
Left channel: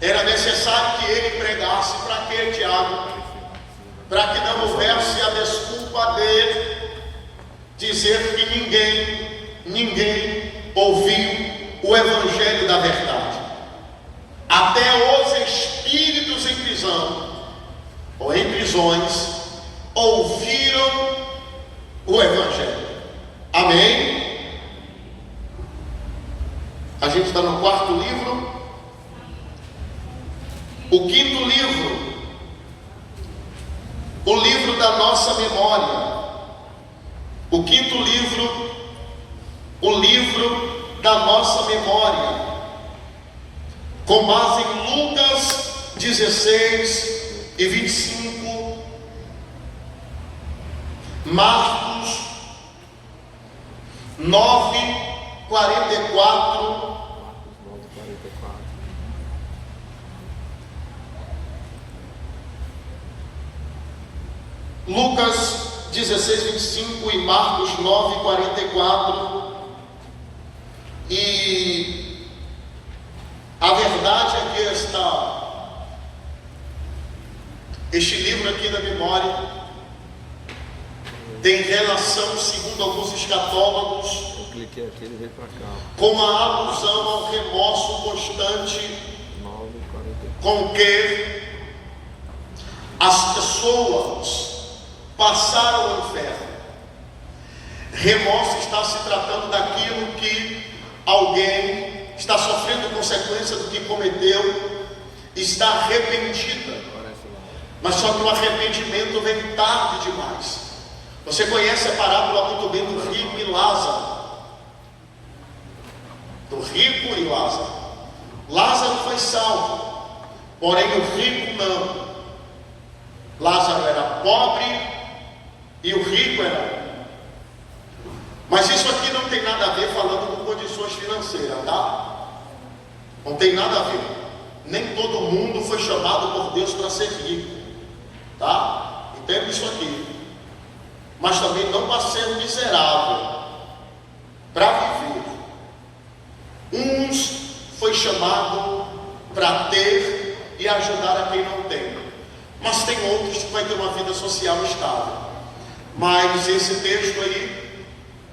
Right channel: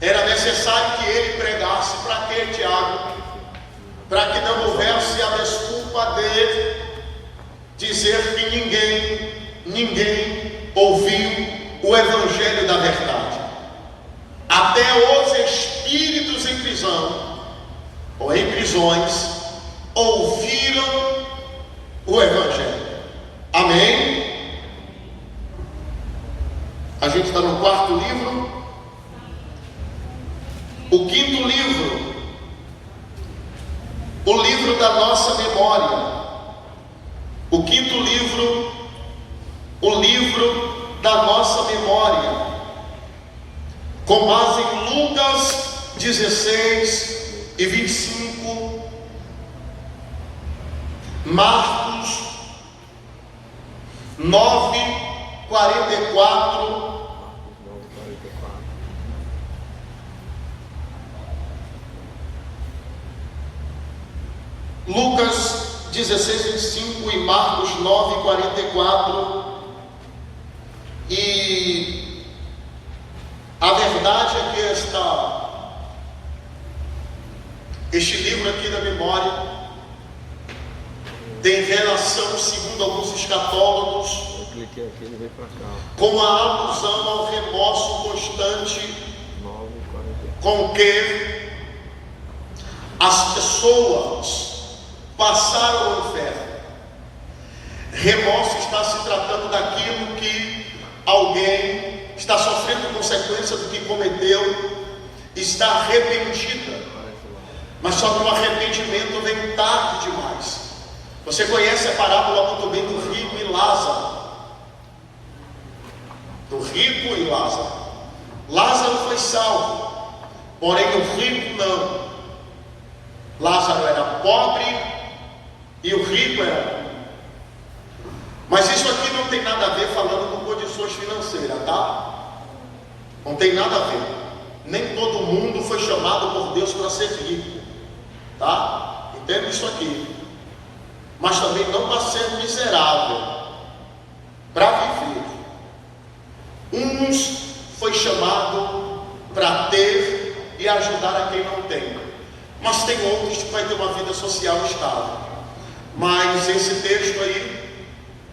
Era necessário que ele pregasse. Para quê, Tiago? Para que não houvesse a desculpa de dizer que ninguém ouviu o Evangelho da verdade. Até os espíritos em prisão ou em prisões ouviram o Evangelho. Amém? A gente está no quarto livro. O quinto livro, o livro da nossa memória. O quinto livro, o livro da nossa memória, com base em Lucas 16:25, Marcos 9:44, Lucas 16:25 e Marcos 9:44. E a verdade Este livro aqui da memória tem relação, segundo alguns escatólogos, Eu cliquei aqui, ele veio para cá. com a alusão ao remorso constante 9:40. com que as pessoas passaram ao inferno. Remorso está se tratando daquilo que alguém está sofrendo consequência do que cometeu, está arrependida, mas só que o arrependimento vem tarde demais. Você conhece a parábola muito bem do rico e Lázaro. Do rico e Lázaro. Lázaro foi salvo, porém o rico não. Lázaro era pobre e o rico era rico. Mas isso aqui não tem nada a ver falando com condições financeiras, tá? Não tem nada a ver. Nem todo mundo foi chamado por Deus para ser rico, tá? Entenda isso aqui. Mas também não para ser miserável, para viver. Uns foi chamado para ter e ajudar a quem não tem, mas tem outros que vai ter uma vida social estável. Mas esse texto aí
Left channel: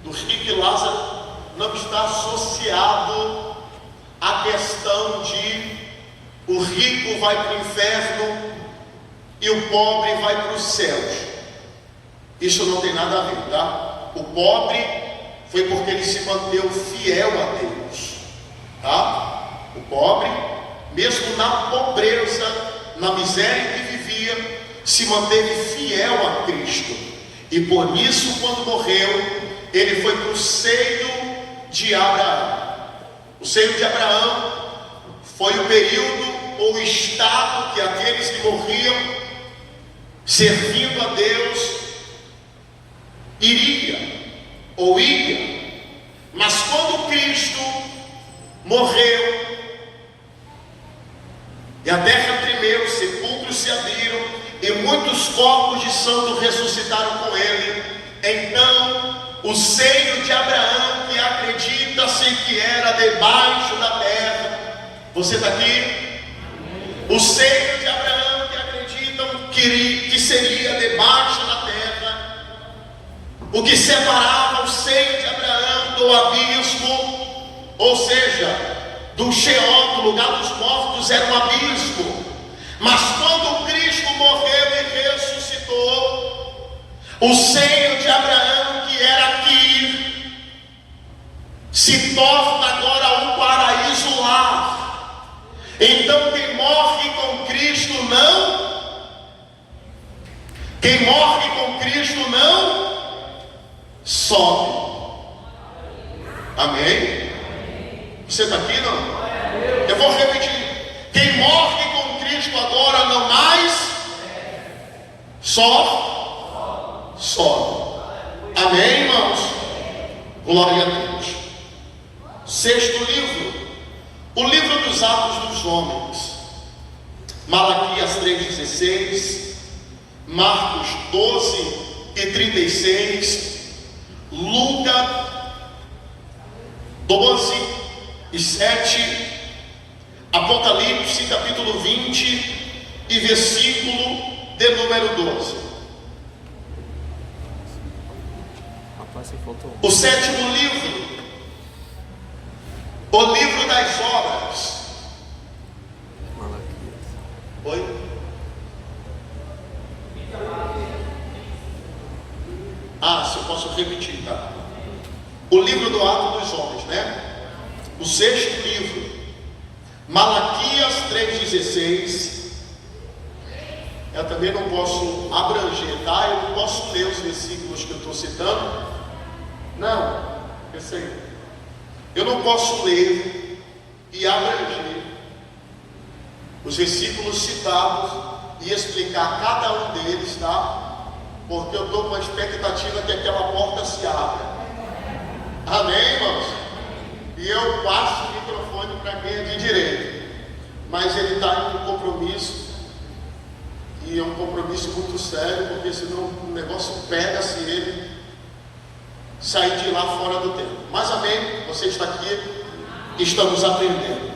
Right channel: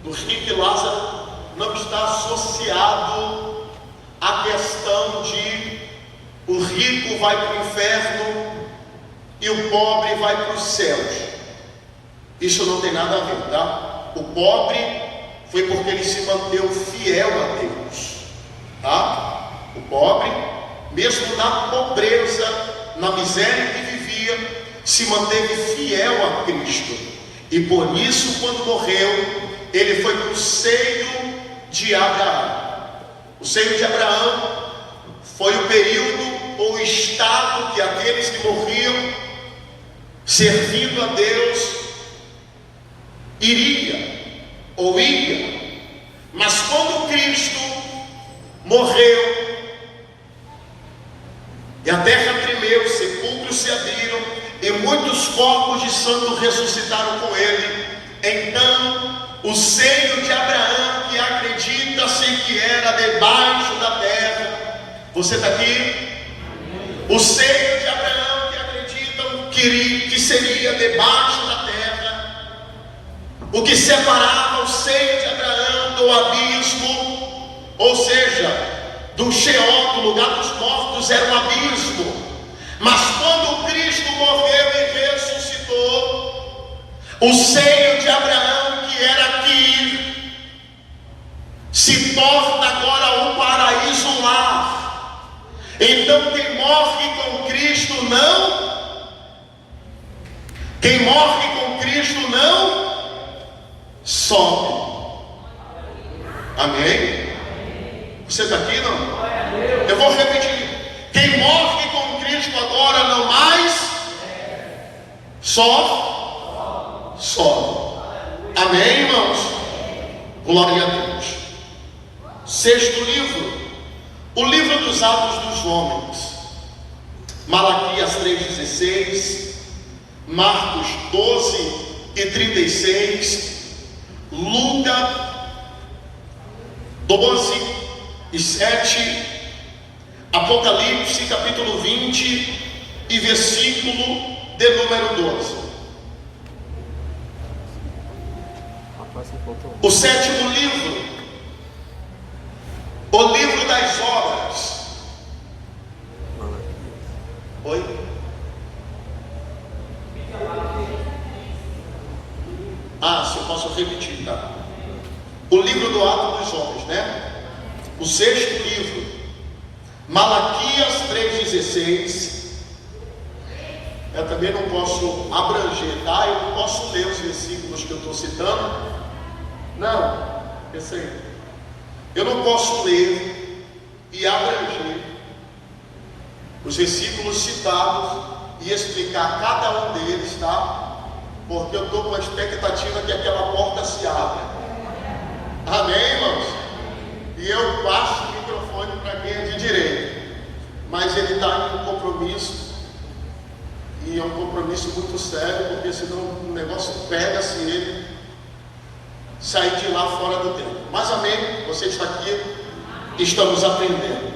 do rico e Lázaro não está associado à questão de o rico vai para o inferno e o pobre vai para os céus. Isso não tem nada a ver, tá? O pobre foi porque ele se manteve fiel a Deus, tá? O pobre, mesmo na pobreza, na miséria que vivia, se manteve fiel a Cristo. E por isso, quando morreu, ele foi para o seio de Abraão. O seio de Abraão foi o período ou estado que aqueles que morriam servindo a Deus iria ou ia. Mas quando Cristo morreu e a terra tremeu, sepulcros se abriram e muitos corpos de santos ressuscitaram com ele, então o seio de Abraão, que acredita-se que era debaixo da terra, você está aqui? O seio de Abraão, que acreditam que seria debaixo da terra, o que separava o seio de Abraão do abismo, ou seja, do Sheol, do lugar dos mortos, era um abismo. Mas quando Cristo morreu e ressuscitou, o seio de Abraão, que era aqui, se torna agora um paraíso lar. Então quem morre com Cristo não, quem morre com Cristo não sobe. Amém? Você está aqui não? Eu vou repetir. Quem morre com Cristo agora não mais sobe. Amém, irmãos? Glória a Deus. Sexto livro, o livro dos Atos dos Homens. Malaquias 3,16, Marcos 12:36, Lucas 12:7, Apocalipse capítulo 20 e versículo de número 12. O sétimo livro, o livro das obras. Oi? Se eu posso repetir, tá? O livro do Ato dos Homens, né? O sexto livro, Malaquias 3,16. Eu também não posso abranger, tá? Eu não posso ler os versículos que eu estou citando. Não, eu sei. Eu não posso ler e abranger os versículos citados e explicar cada um deles, tá? Porque eu estou com a expectativa que aquela porta se abra. Amém, irmãos? E eu passo o microfone para quem é de direito. Mas ele está em um compromisso. E é um compromisso muito sério, porque senão o negócio pega se ele sair de lá fora do tempo. Mas amém, você está aqui, estamos aprendendo.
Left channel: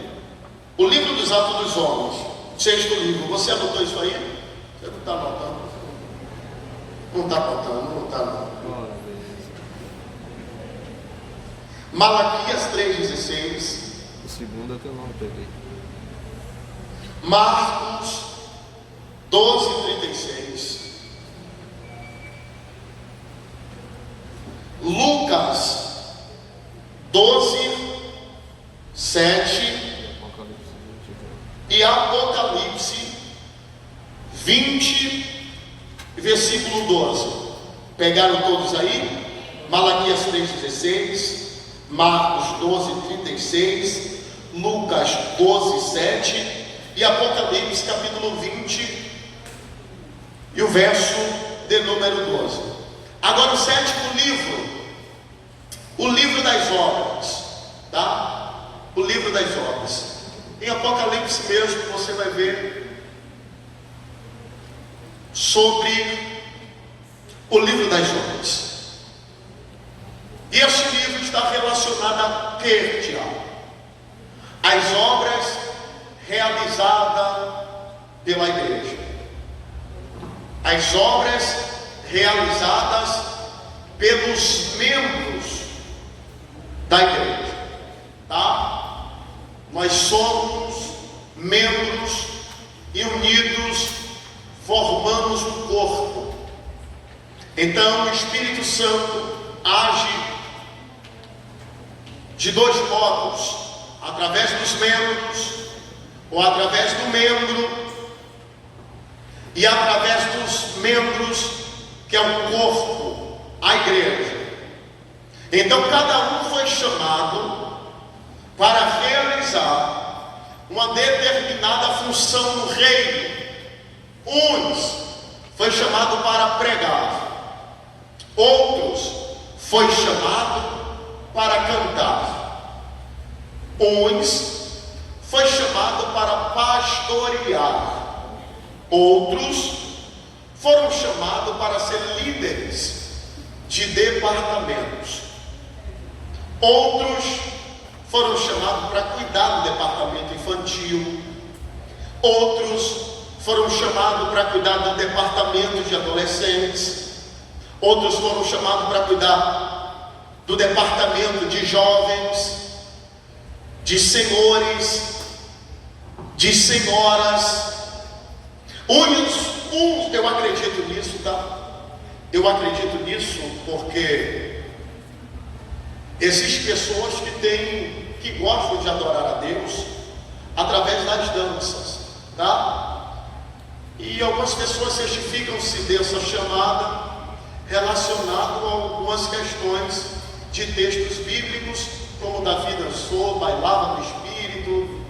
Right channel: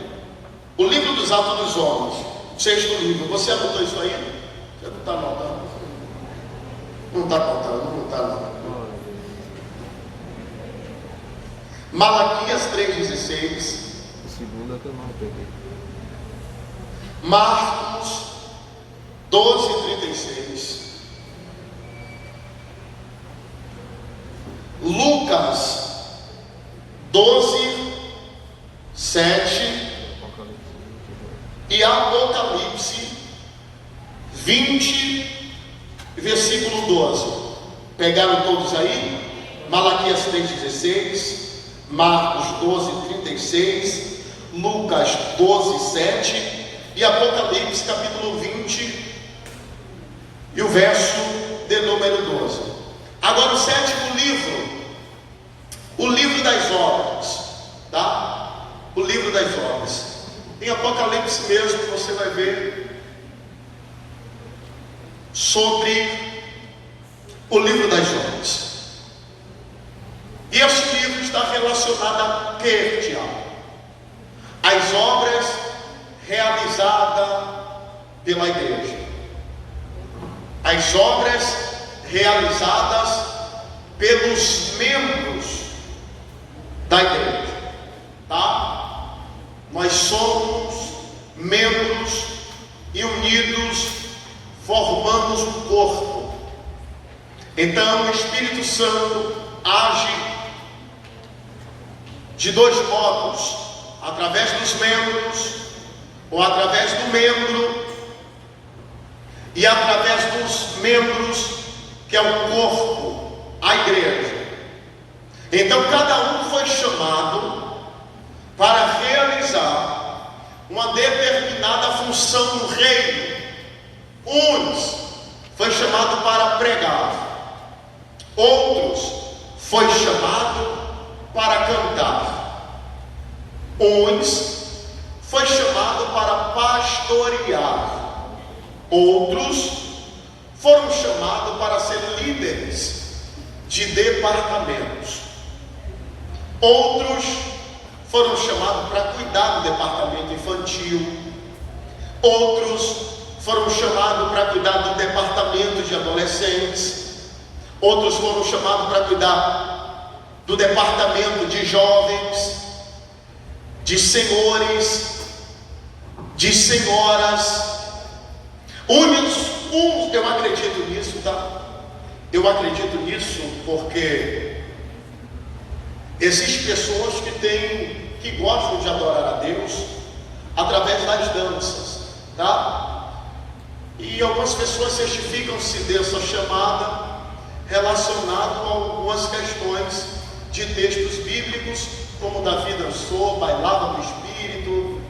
O livro dos Atos dos Homens, sexto livro, você anotou isso aí? Você não está notando? Não está notando, não está não. Malaquias 3,16. O segundo até não peguei. Marcos 12,36. Lucas 12:7 e Apocalipse 20, versículo 12. Pegaram todos aí? Malaquias 3,16, Marcos 12:36, Lucas 12:7 e Apocalipse capítulo 20 e o verso de número 12. Agora o sétimo livro, o livro das obras, tá? O livro das obras. Em Apocalipse mesmo você vai ver sobre o livro das obras. E esse livro está relacionado a Quertia, as obras realizadas pela igreja, as obras realizadas pelos membros da igreja, tá? Nós somos membros e unidos formamos um corpo. Então o Espírito Santo age de dois modos: através dos membros, ou através do membro, e através dos membros, que é o corpo, a igreja. Então cada um foi chamado para realizar uma determinada função no reino. Uns foi chamado para pregar, outros foi chamado para cantar, uns foi chamado para pastorear, outros foram chamados para ser líderes de departamentos, outros foram chamados para cuidar do departamento infantil, outros foram chamados para cuidar do departamento de adolescentes, outros foram chamados para cuidar do departamento de jovens, de senhores, de senhoras. Uns, eu acredito nisso, tá? Eu acredito nisso porque existem pessoas que gostam de adorar a Deus através das danças, tá? E algumas pessoas certificam-se dessa chamada relacionado a algumas questões de textos bíblicos, como Davi dançou, bailava no Espírito,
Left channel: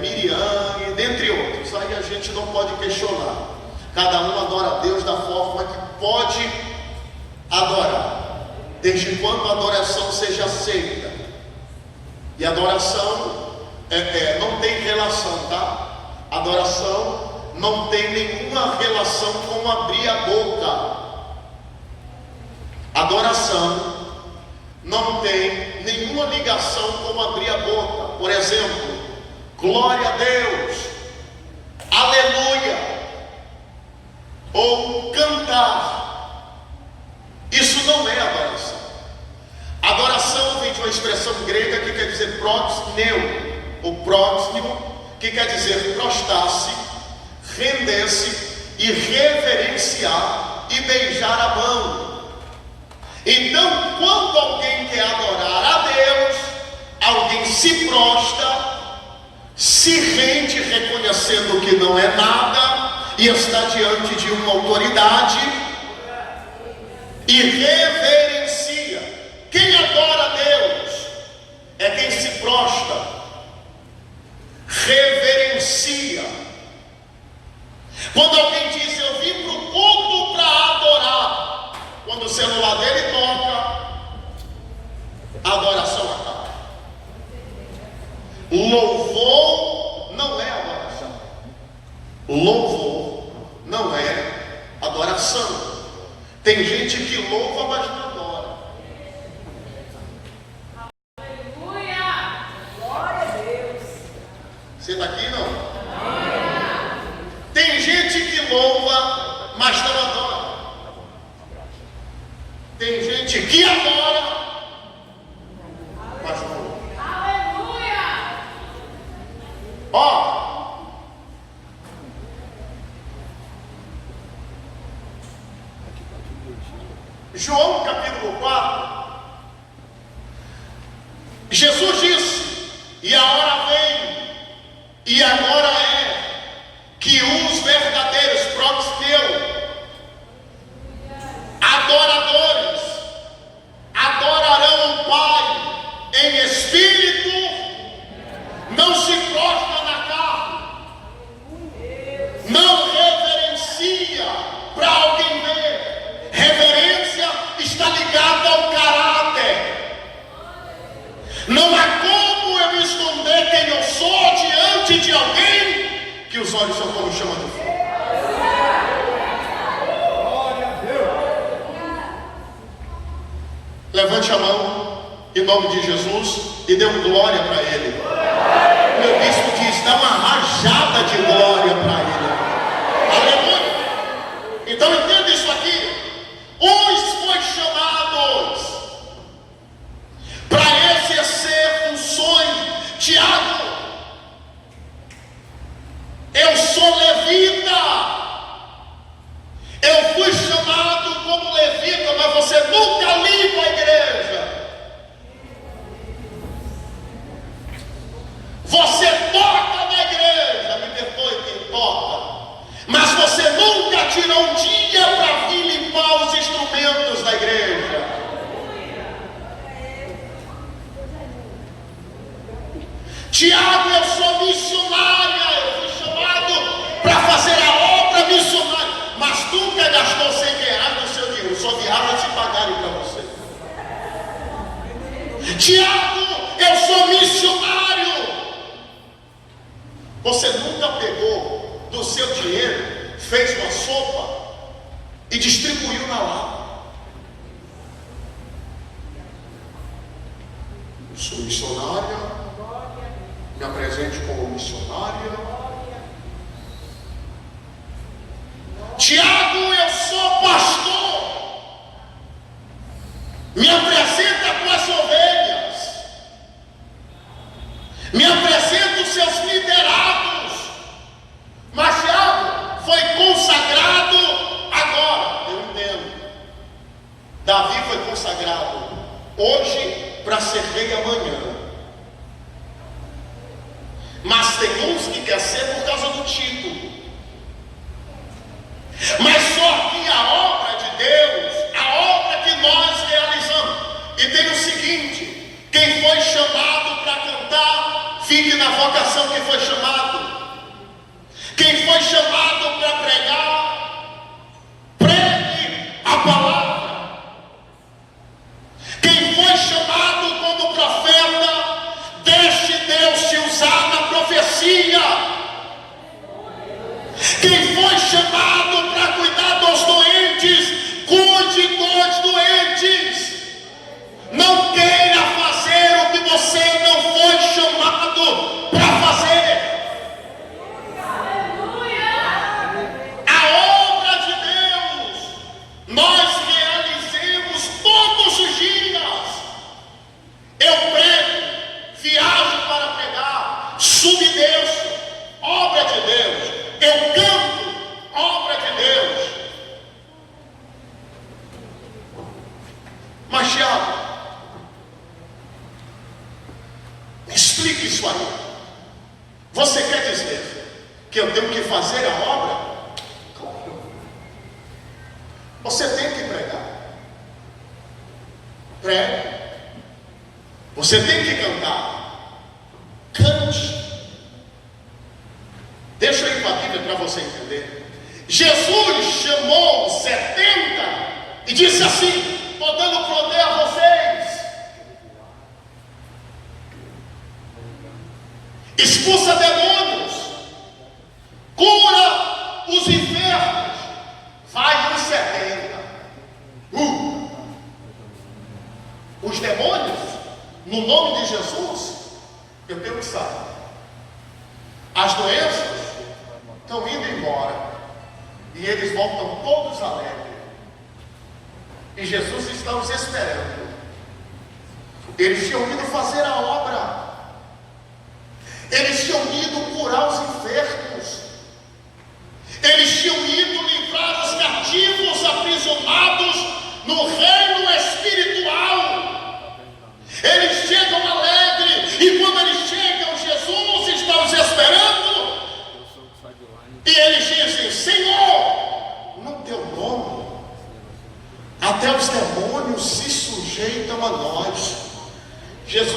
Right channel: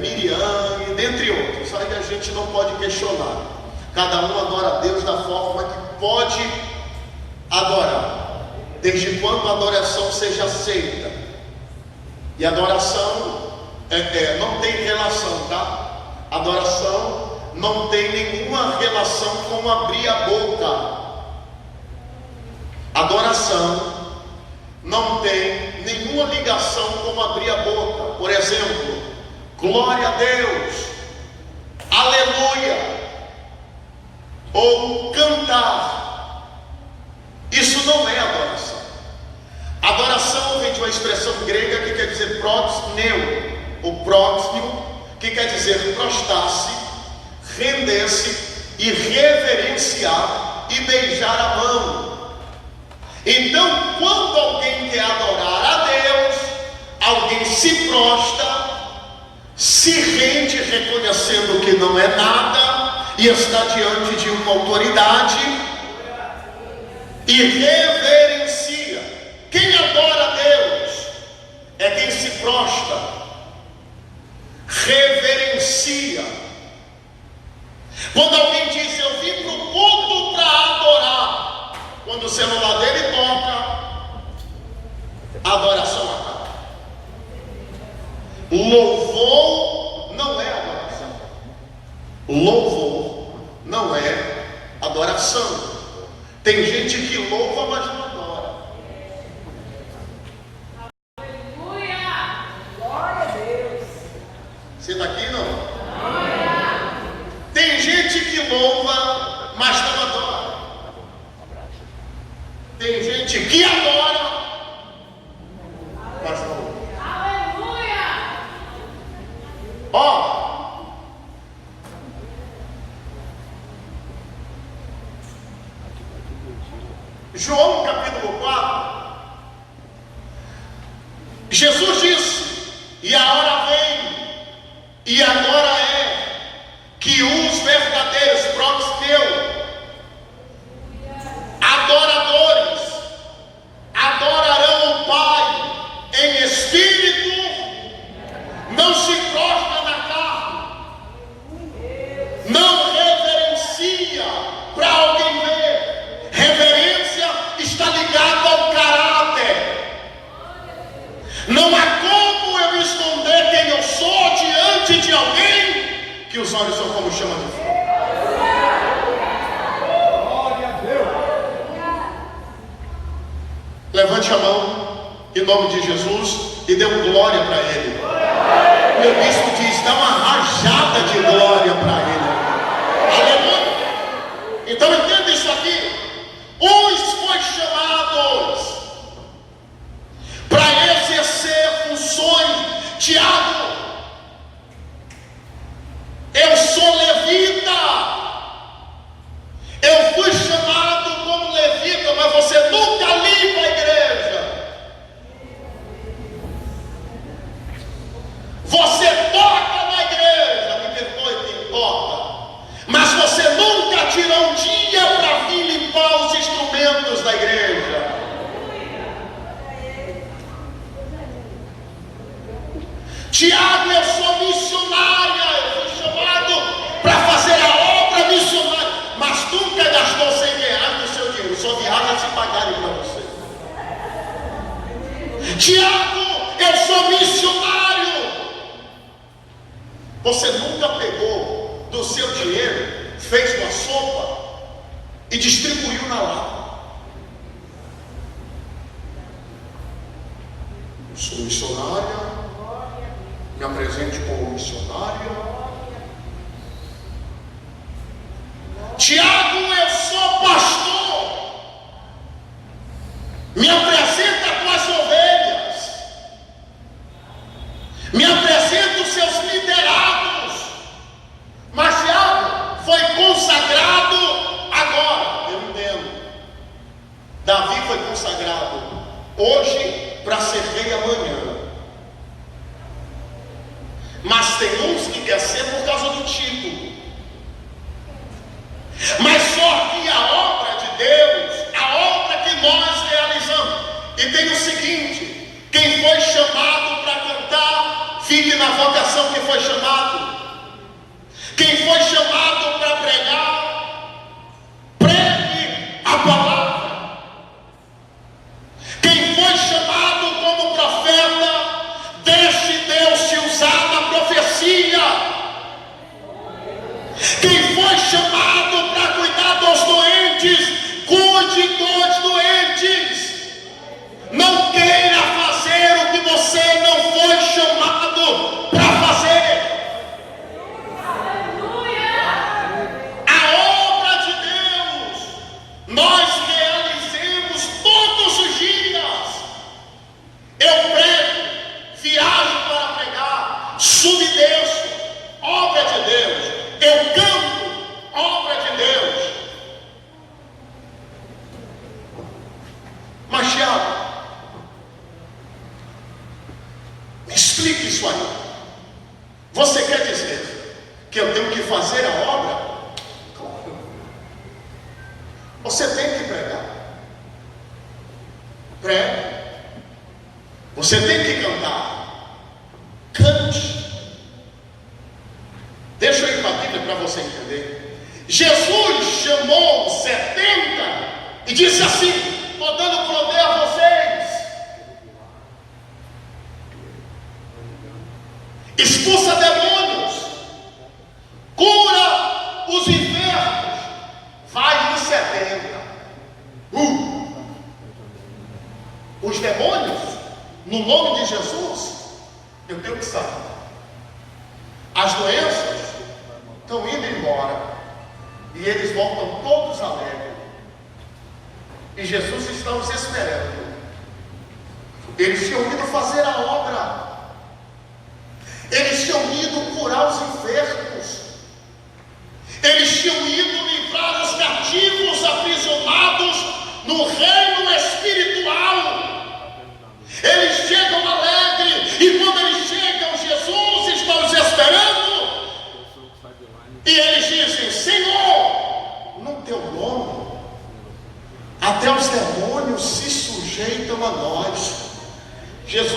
Miriam, e dentre outros. Aí a gente não pode questionar. Cada um adora a Deus da forma que pode adorar, desde quando a adoração seja aceita. E adoração não tem relação, tá? Adoração não tem nenhuma relação com abrir a boca. Adoração não tem nenhuma ligação com abrir a boca. Por exemplo, glória a Deus, aleluia, ou cantar. Isso não é adoração. Adoração vem de uma expressão grega que quer dizer proxneu, ou próximo, que quer dizer prostrar-se, render-se e reverenciar e beijar a mão. Então, quando alguém quer adorar a Deus, alguém se prostra, se rende reconhecendo que não é nada e está diante de uma autoridade e reverencia. Quem adora a Deus é quem se prostra, reverencia. Quando alguém diz eu vim para o culto para adorar, quando o celular dele toca, a adoração acaba. Louvor não é adoração. Louvor não é adoração. Tem gente que louva, mas não adora. Aleluia! Glória a Deus! Você está aqui não? Tem gente que louva, Jesus disse: e a hora vem, e agora é, que os verdadeiros próprios adoradores adorarão o Pai em espírito, não se prostra na carne, não reverencia para alguém ver. Reverência está ligada ao caráter. Não há como eu esconder quem eu sou diante de alguém que os olhos são como chama de fogo. Levante a mão em nome de Jesus e dê um glória para ele. Meu bispo diz: dá uma rajada de glória para ele. Aleluia. Então entenda isso aqui. Uns foi chamados para exercer funções. Tiago, eu sou levita. Eu fui chamado como levita, mas você nunca limpa a igreja. Você toca na igreja, me perdoe quem toca, mas você nunca tirou um dia para vir limpar os instrumentos da igreja. Tiago, eu sou missionária, eu fui chamado para fazer a obra missionária, mas nunca gastou R$100 do seu dinheiro, só viaja se pagarem para você. Tiago, eu sou missionário. Você nunca pegou do seu dinheiro, fez uma sopa e distribuiu na lata. Eu sou missionária, me apresente como missionária. Tiago, eu sou pastor. Me apresenta com as ovelhas. Me apresenta os seus liderados. Mas Tiago foi consagrado agora. Eu entendo. Davi foi consagrado hoje para ser rei amanhã. Mas tem uns que quer ser por causa do título. Mas só que a obra de Deus, a obra que nós realizamos, e tem o seguinte: quem foi chamado para cantar, fique na vocação que foi chamado. Quem foi chamado para pregar, pregue a palavra. Quem foi chamado como profeta, deixe Deus se usar na profecia. Quem foi chamado para cuidar dos doentes, cuide dos doentes. Não queira fazer o que você não foi chamado para fazer. A obra de Deus nós realizamos todos os dias. Eu prego, viajo para pregar, submerso, obra de Deus. Eu canto, obra de Deus. Mas Tiago, me explique isso aí. Você quer dizer que eu tenho que fazer a obra? Claro. Você tem que pregar. Pregue. Você tem que cantar. Cante. Deixa eu ir para a Bíblia para você entender. Jesus chamou 70 e disse assim: estou dando poder a vocês. Expulsa demônios, cura os enfermos. Vai nos 70. Os demônios, no nome de Jesus, eu tenho que saber. As doenças estão indo embora e eles voltam todos alegres. E Jesus está os esperando. Eles tinham ido fazer a obra. Eles tinham ido curar os enfermos. Eles tinham ido livrar os cativos aprisionados no reino espiritual. Eles chegam alegres.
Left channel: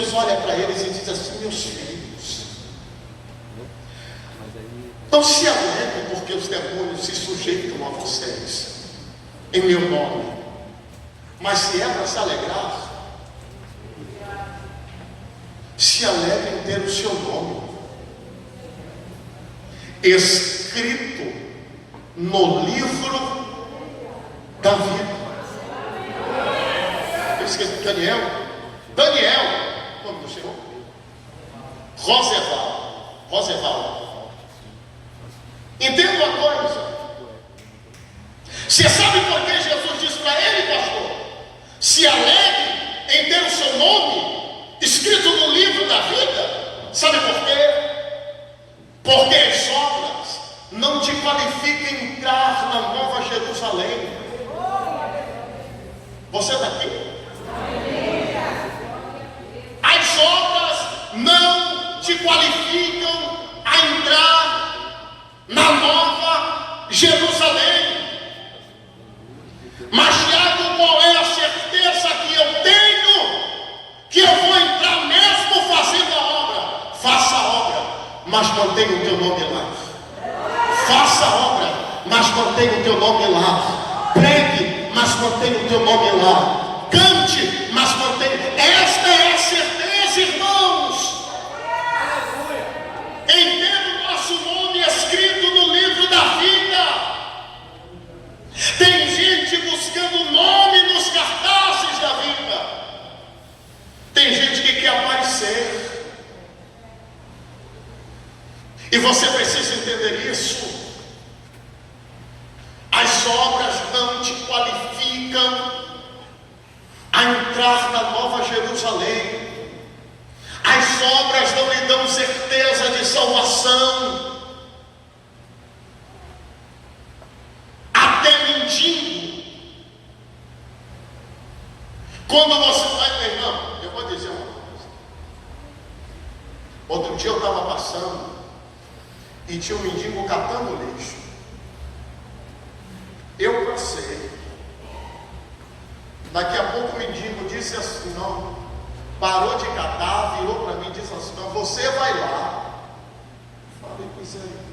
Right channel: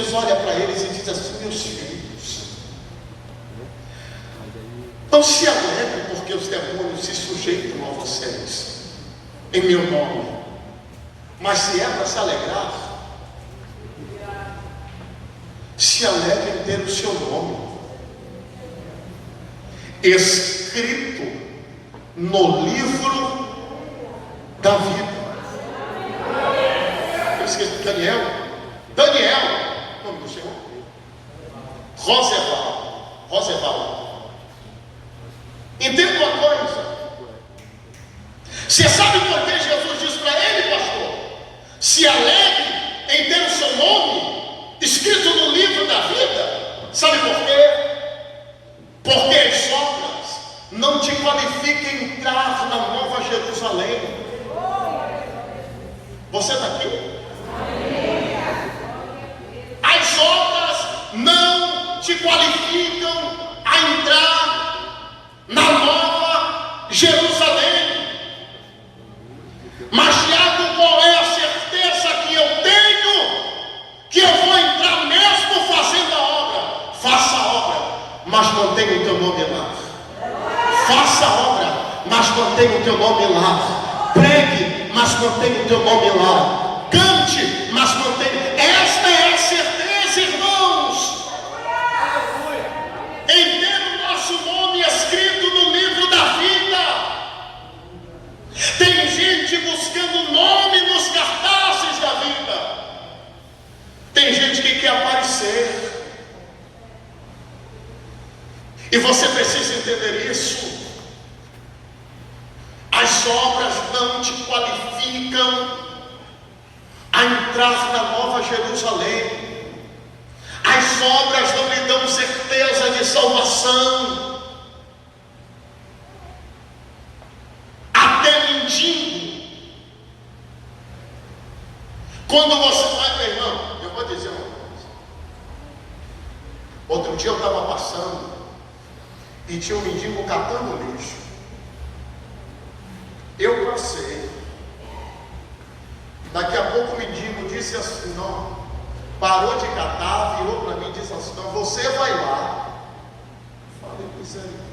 Jesus olha para eles e diz assim: meus filhos, não se alegrem porque os demônios se sujeitam a vocês em meu nome, mas se é para se alegrar, se alegrem pelo seu nome escrito no livro da vida. Eu esqueci, Daniel, nome do Senhor? Roosevelt. Entenda uma coisa. Você sabe por que Jesus disse para ele, pastor? Se alegre em ter o seu nome escrito no livro da vida. Sabe por quê? Porque as obras não te qualificam a entrar na Nova Jerusalém. Você está aqui? As obras não te qualificam a entrar na Nova Jerusalém. Mas Tiago, qual é a certeza que eu tenho? Que eu vou entrar mesmo fazendo a obra. Faça a obra, mas mantenha o teu nome lá. Faça a obra, mas mantenha o teu nome lá. Pregue, mas mantenha o teu nome lá. Cante, mas mantenha. Esta é a certeza, irmãos. Em ter o nosso nome escrito no livro da vida. Tem gente buscando nome nos cartazes da vida. Tem gente que quer aparecer. E você precisa entender isso. As obras não te qualificam a entrar na Nova Jerusalém. As obras não lhe dão certeza de salvação. Até mendigo. Quando você vai, meu irmão, eu vou dizer uma coisa. Outro dia eu estava passando e tinha um mendigo catando lixo. Eu passei. Daqui a pouco o mendigo disse assim, não, parou de catar, virou para mim e disse assim, não, você vai lá. Falei, misericórdia.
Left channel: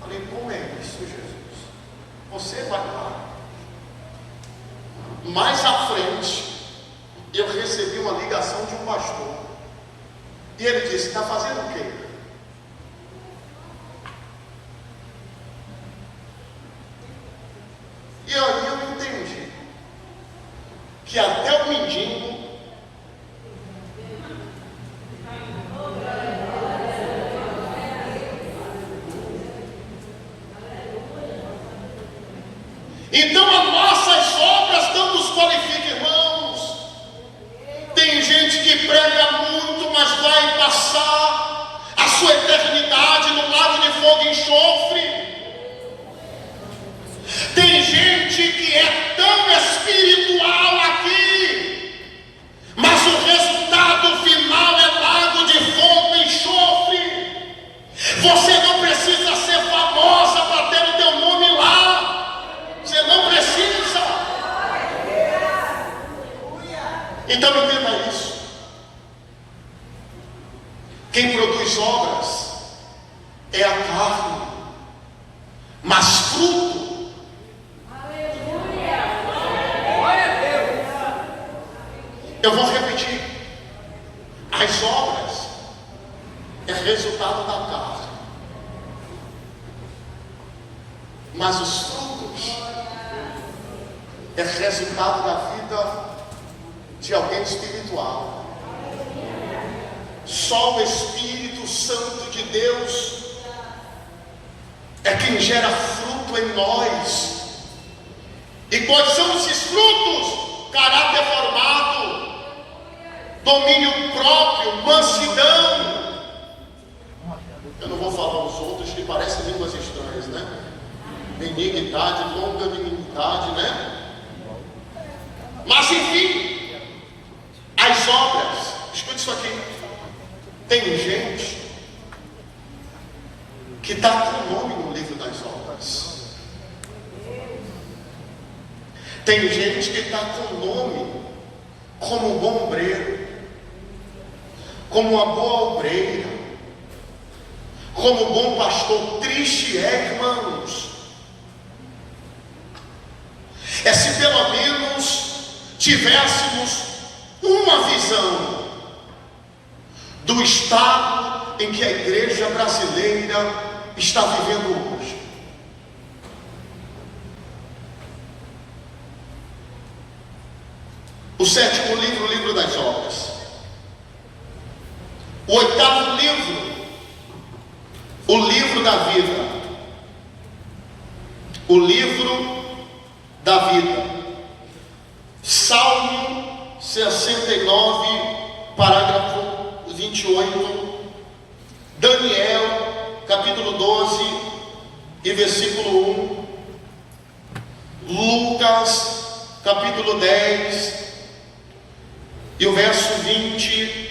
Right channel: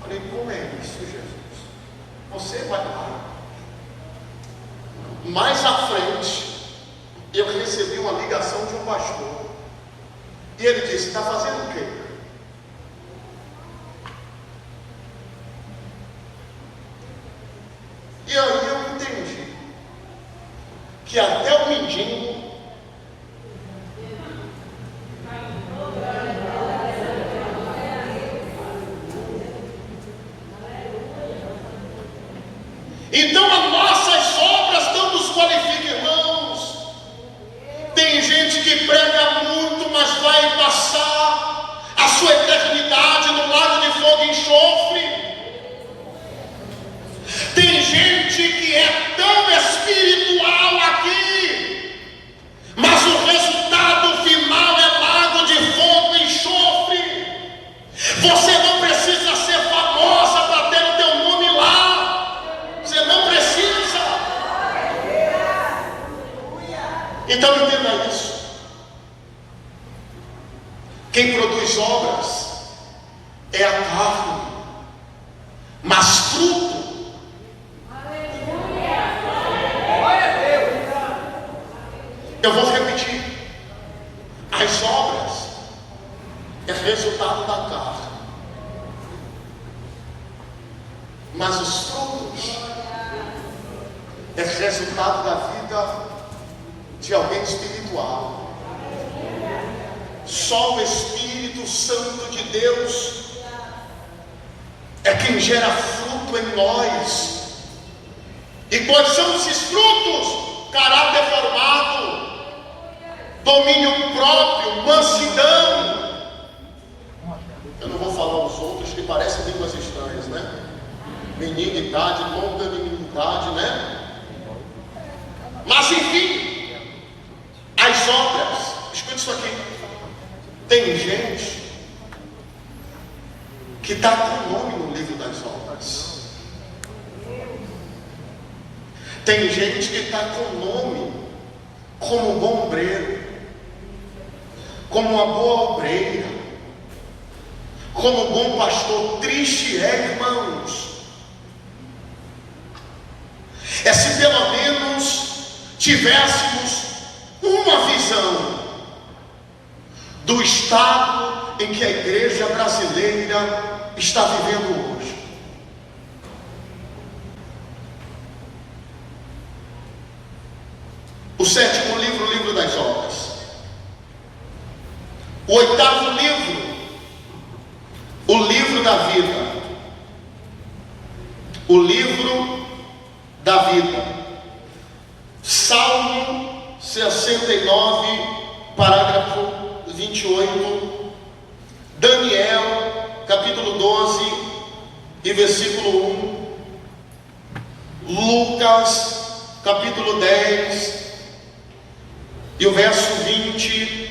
Falei, como é isso, Jesus? Você vai lá. Mais à frente, eu recebi uma ligação de um pastor. E ele disse, está fazendo o quê? E aí eu entendi que até o mendigo então as nossas obras não nos qualificam, irmãos. Tem gente que prega muito, mas vai passar a sua eternidade no lago de fogo e enxofre. Tem gente que é tão espiritual aqui, mas o resultado final é lago de fogo e enxofre. Você não precisa ser famosa para ter o teu nome lá. Você não precisa. Então entenda isso. Quem produz obras é a carne, mas fruto. Eu vou repetir. As obras é resultado da carne, mas os frutos é resultado da vida de alguém espiritual. Só o Espírito Santo de Deus é quem gera fruto em nós. E quais são esses frutos? Caráter formado, domínio próprio, mansidão. Eu não vou falar os outros que parecem línguas estranhas, né? Benignidade, longanimidade, né? Mas enfim, as obras, escute isso aqui. Tem gente que está com o nome no livro das obras. Tem gente que está com o nome como um bom obreiro, como uma boa obreira, como um bom pastor. Triste é, irmãos, é se pelo menos tivéssemos uma visão do estado em que a igreja brasileira está vivendo hoje. O sétimo livro, o livro das obras. O oitavo livro, o livro da vida. O livro da vida. Salmo 69, parágrafo 28. Daniel, capítulo 12 e versículo 1. Lucas, capítulo 10 e o verso 20.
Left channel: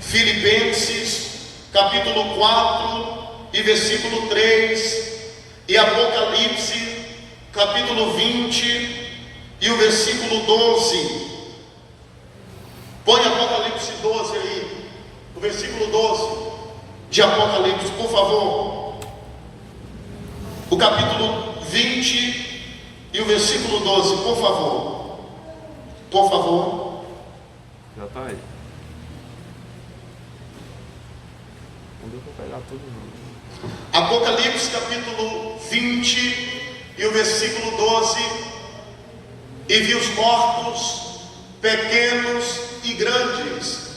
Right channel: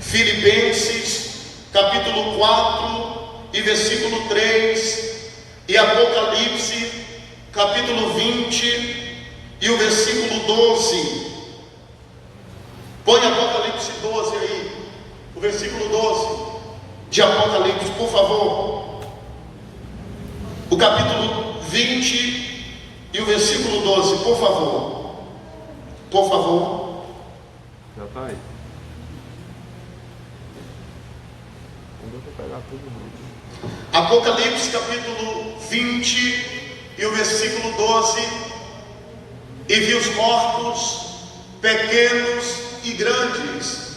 Filipenses, capítulo 4 e versículo 3. E Apocalipse, capítulo 20 e o versículo 12. Põe Apocalipse 12 aí, o versículo 12 de Apocalipse, por favor. O capítulo 20 e o versículo 12, por favor. Por favor. Já está aí. Não deu para pegar todo mundo. Apocalipse capítulo 20 e o versículo 12. E vi os mortos, pequenos e grandes,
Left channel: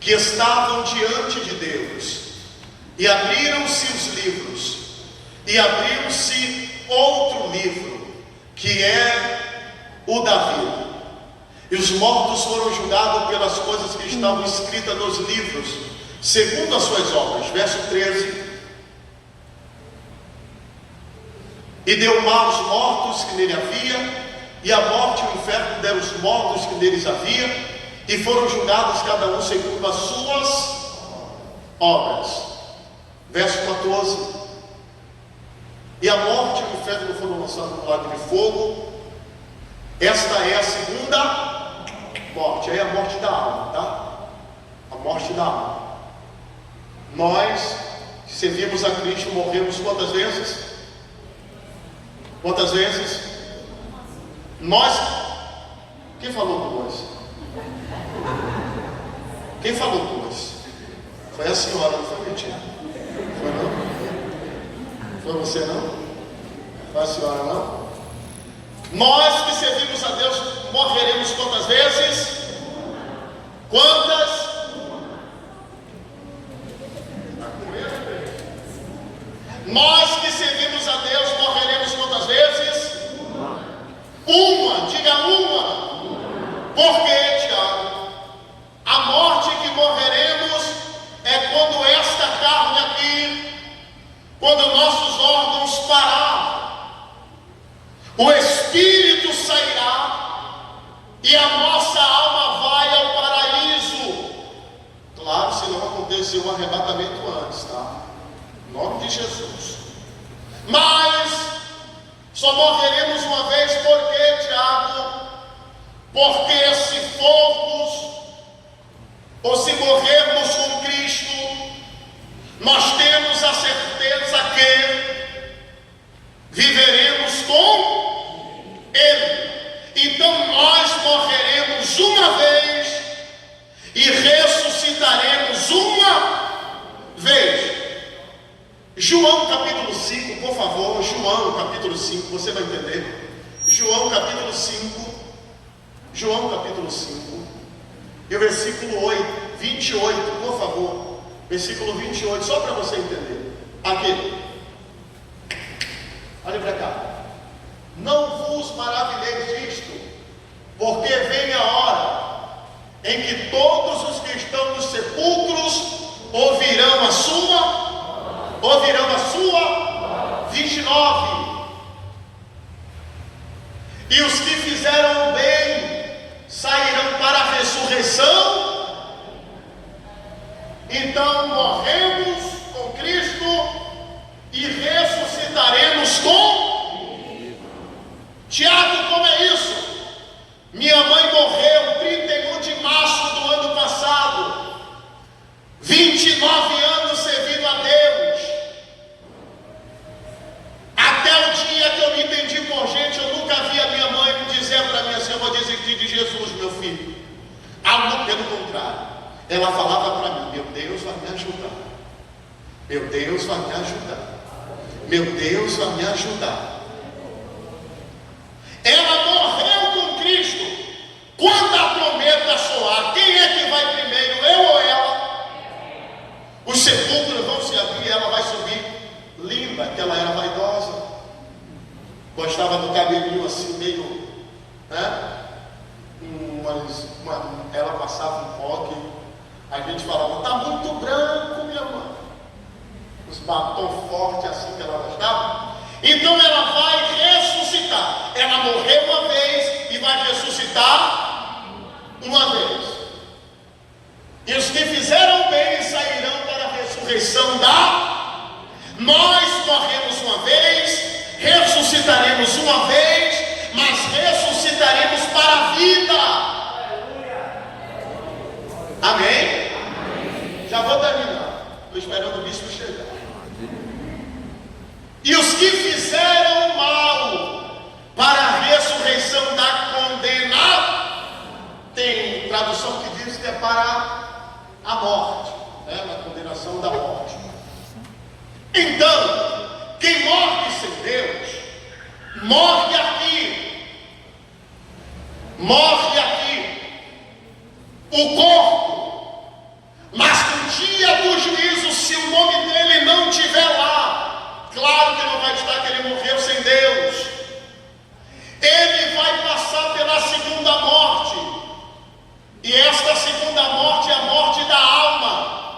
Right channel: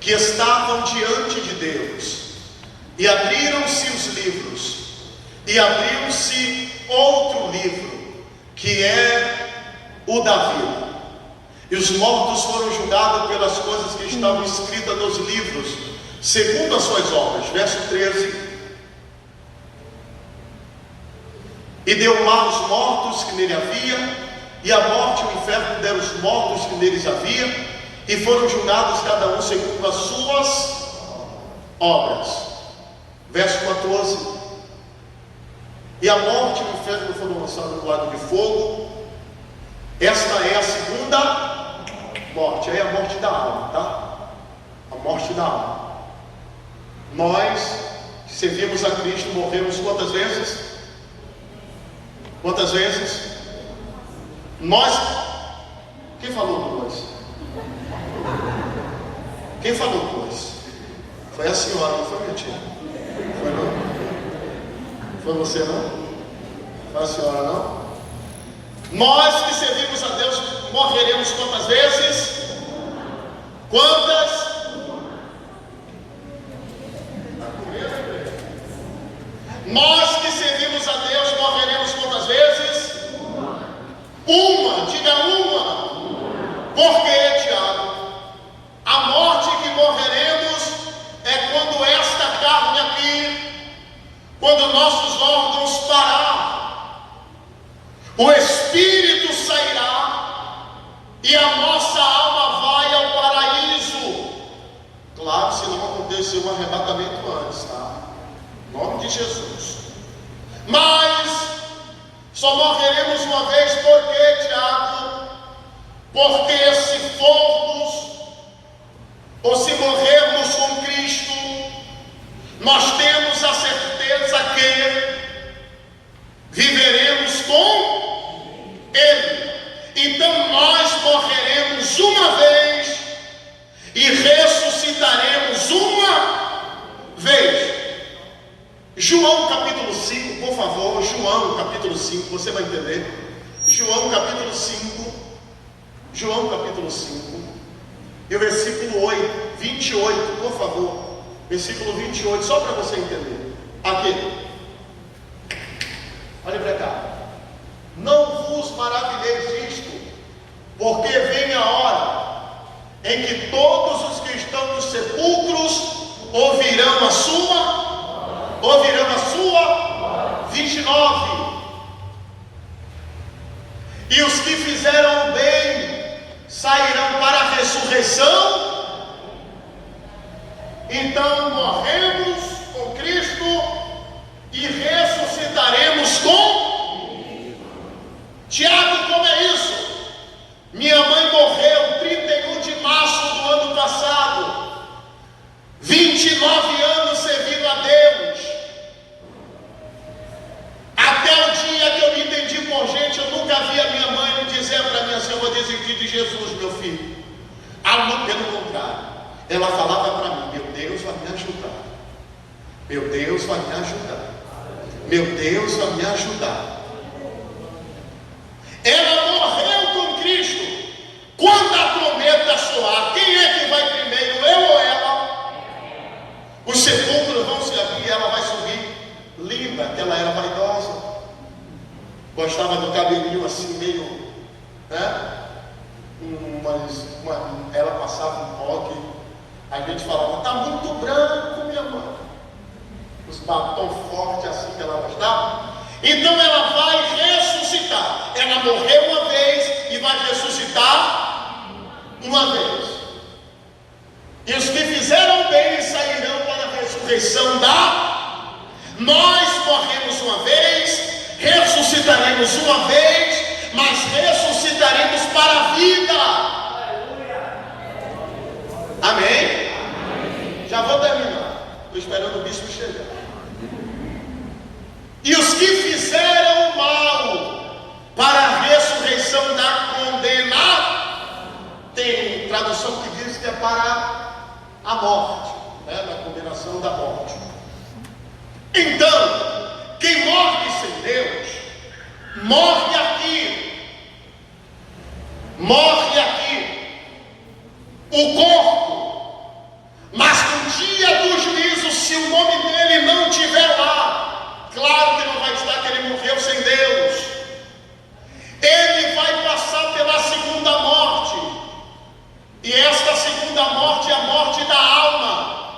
que estavam diante de Deus, e abriram-se os livros, e abriu-se outro livro, que é o da vida. E os mortos foram julgados pelas coisas que estavam escritas nos livros, segundo as suas obras. Verso 13. E deu mar aos mortos que nele havia, e a morte e o inferno deram os mortos que neles havia, e foram julgados cada um segundo as suas obras. Verso 14. E a morte e o inferno foram lançados no lago de fogo. Esta é a segunda morte. Aí é a morte da alma, tá? A morte da alma. Nós que servimos a Cristo morremos quantas vezes? Quantas vezes? Nós. Quem falou dois? Quem falou dois? Foi a senhora, não foi, minha tia? Foi não? Foi você não? Foi a senhora não? Nós que servimos a Deus morreremos quantas vezes? Quantas? Está comendo, bebê? Nós que servimos a Deus morreremos quantas vezes? Uma, diga uma. Por quê, Tiago? A morte que morreremos é quando esta carne aqui, quando nossos órgãos parar, o Espírito sairá e a nossa alma vai ao paraíso. Claro, se não acontecer um arrebatamento antes, tá? Em nome de Jesus. Mas só morreremos uma vez, por quê, Tiago? Porque se formos, ou se morrermos com Cristo, nós temos a certeza que viveremos com Ele. Então nós morreremos uma vez e ressuscitaremos uma vez. João capítulo 5, por favor. João capítulo 5, você vai entender. João capítulo 5. João capítulo 5 e o versículo 28, por favor. Versículo 28, só para você entender. Aqui. Olha para cá. Não vos maravilheis disto, porque vem a hora em que todos os que estão nos sepulcros ouvirão a sua 29. E os que fizeram o bem sairão para a ressurreição. Então morremos com Cristo e ressuscitaremos com Tiago. Como é isso? Minha mãe morreu pelo contrário, ela falava para mim: meu Deus vai me ajudar, meu Deus vai me ajudar, meu Deus vai me ajudar. Ela morreu com Cristo. Quando a trombeta soar, quem é que vai primeiro, eu ou ela? Os sepulcros vão se abrir, ela vai subir. Linda, que ela era vaidosa, gostava do cabelinho assim meio, né? Ela passava um coque, a gente falava: tá muito branco, minha mãe. Os batom forte assim que ela gostava. Então ela vai ressuscitar. Ela morreu uma vez e vai ressuscitar uma vez. E os que fizeram bem sairão para a ressurreição Nós morremos uma vez, ressuscitaremos uma vez, mas ressuscitaremos para a vida. Amém? Já vou terminar. Estou esperando o bispo chegar. E os que fizeram o mal para a ressurreição da condena, tem tradução que diz que é para a morte, né? Na condenação da morte. Então, quem morre sem Deus, morre aqui. Morre aqui. O corpo. Mas no dia do juízo, se o nome dele não estiver lá, claro que não vai estar, que ele morreu sem Deus. Ele vai passar pela segunda morte. E esta segunda morte é a morte da alma.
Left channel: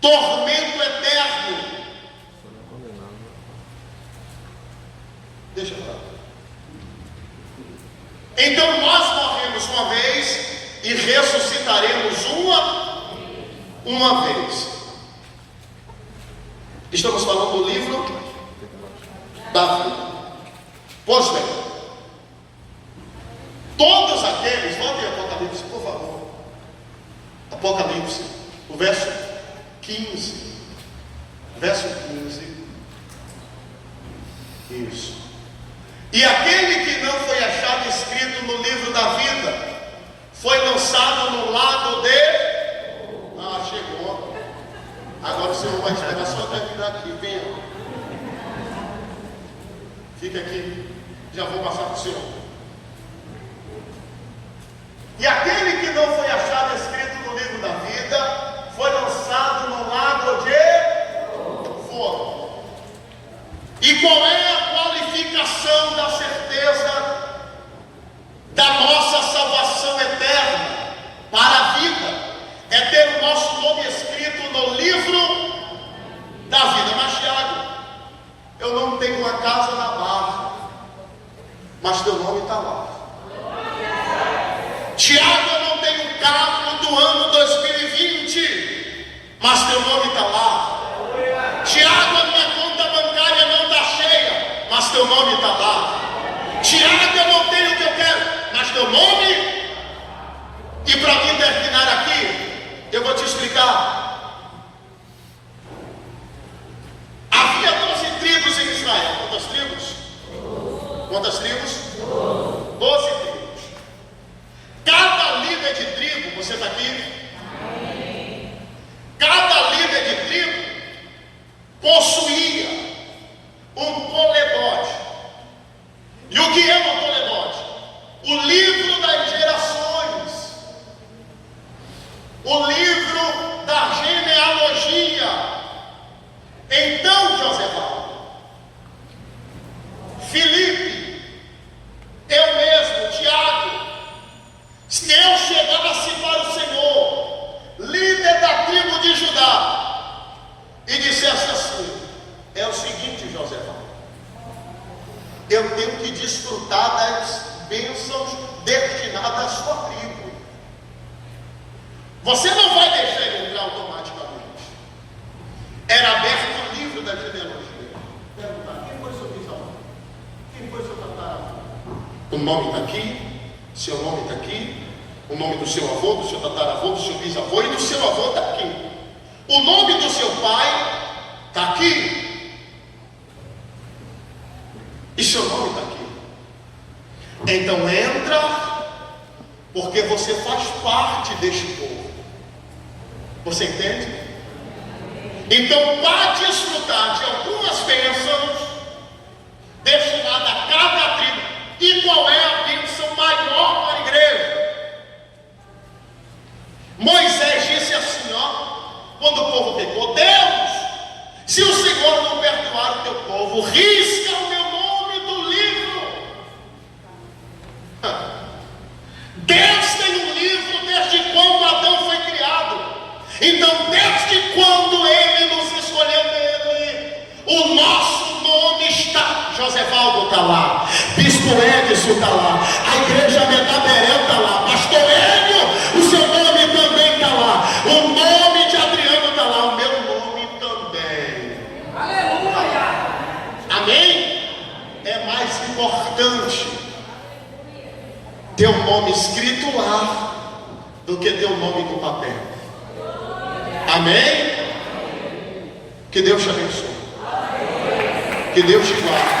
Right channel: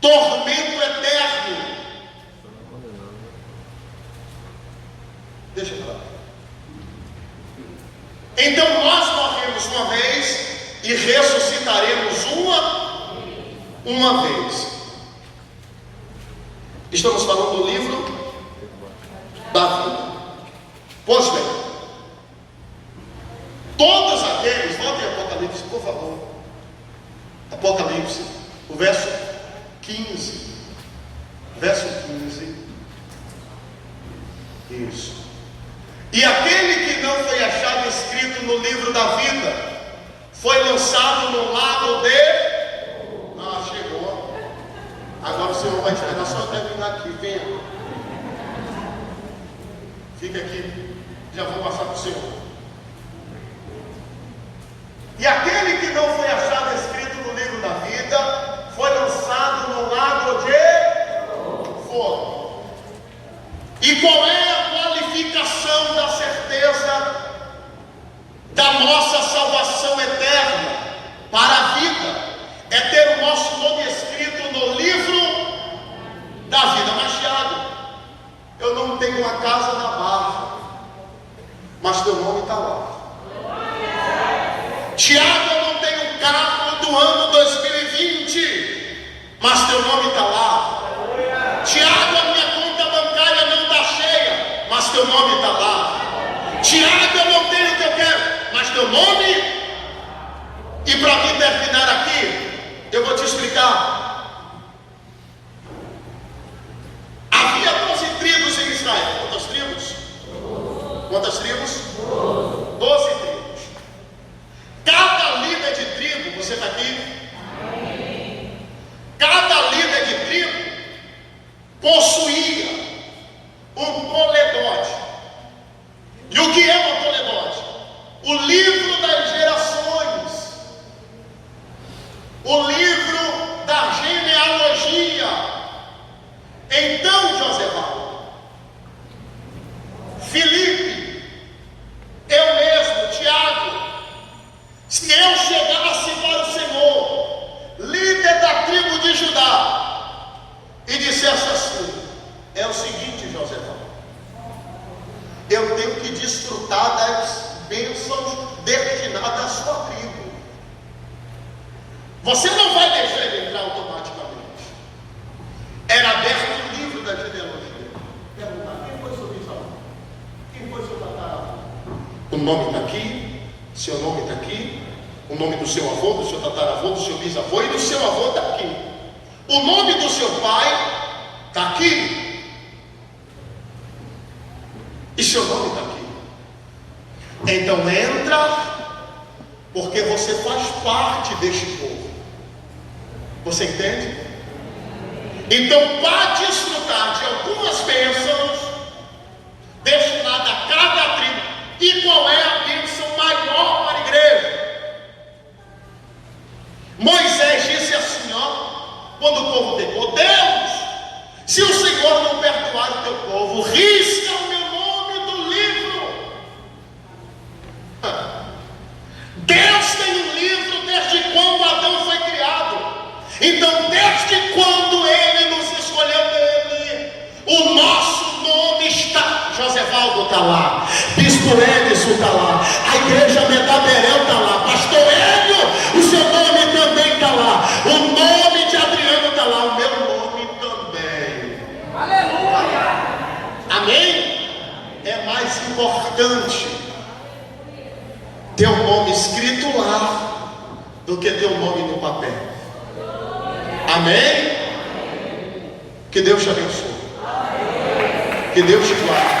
Tormento eterno. Deixa eu falar. Então nós morremos uma vez e ressuscitaremos uma vez. Estamos falando do livro da vida. Pois bem, todos aqueles, volte em Apocalipse, por favor. Apocalipse, o verso 15. Verso 15. Isso. E aquele que não foi achado escrito no livro da vida foi lançado no lago de... Ah, chegou. Agora o Senhor vai esperar só terminar aqui. Venha. Fica aqui. Já vou passar para o Senhor. E aquele que não foi achado escrito no livro da vida foi lançado no lago de fogo. E qual é a qualificação da certeza da nossa salvação eterna para a vida? É ter o nosso nome escrito no livro da vida. Mas Tiago, eu não tenho uma casa na Barra, mas teu nome está lá. Tiago, eu não tenho um carro do ano 2020, mas teu nome está lá. Tiago, a minha conta bancária não está cheia, mas teu nome está lá. Tiago, eu não tenho o que eu quero, mas teu nome. E para mim terminar aqui, eu vou te explicar. Havia 12 tribos em Israel. Quantas tribos? Quantas tribos? 12 tribos. Cada líder de tribo, você está aqui? Cada líder de tribo possuía um toledote. E o que é um toledote? O livro das gerações, o livro da genealogia. Então, Josevaldo, Filipe, eu mesmo, Tiago, se eu chegasse para o Senhor, líder da tribo de Judá, e dissesse assim: é o seguinte, Josevaldo, eu tenho que desfrutar das bênçãos destinadas à sua tribo. Você não vai deixar ele entrar automaticamente. Era aberto o livro da genealogia. Perguntar: quem foi seu bisavô? Quem foi seu tataravô? O nome está aqui, seu nome está aqui, o nome do seu avô, do seu tataravô, do seu bisavô e do seu avô está aqui. O nome do seu pai está aqui. E seu nome está aqui. Então entra, porque você faz parte deste povo. Você entende? Então, para desfrutar de algumas bênçãos destinadas a cada tribo, e qual é a bênção maior para a igreja? Moisés disse assim, quando o povo pecou: Deus, se o Senhor não perdoar o teu povo, risca o meu nome do livro. Deus tem um livro desde quando Adão foi criado. Então, desde quando Ele nos escolheu dele, o nosso nome está. Josevaldo está lá, Bispo Edson está lá, a igreja Medaberel está lá, Pastor Hélio, o seu nome também está lá, o nome de Adriano está lá, o meu nome também. Aleluia! Amém? É mais importante ter o nome escrito lá do que ter o nome no papel. Amém? Que Deus te abençoe. Que Deus te guarde.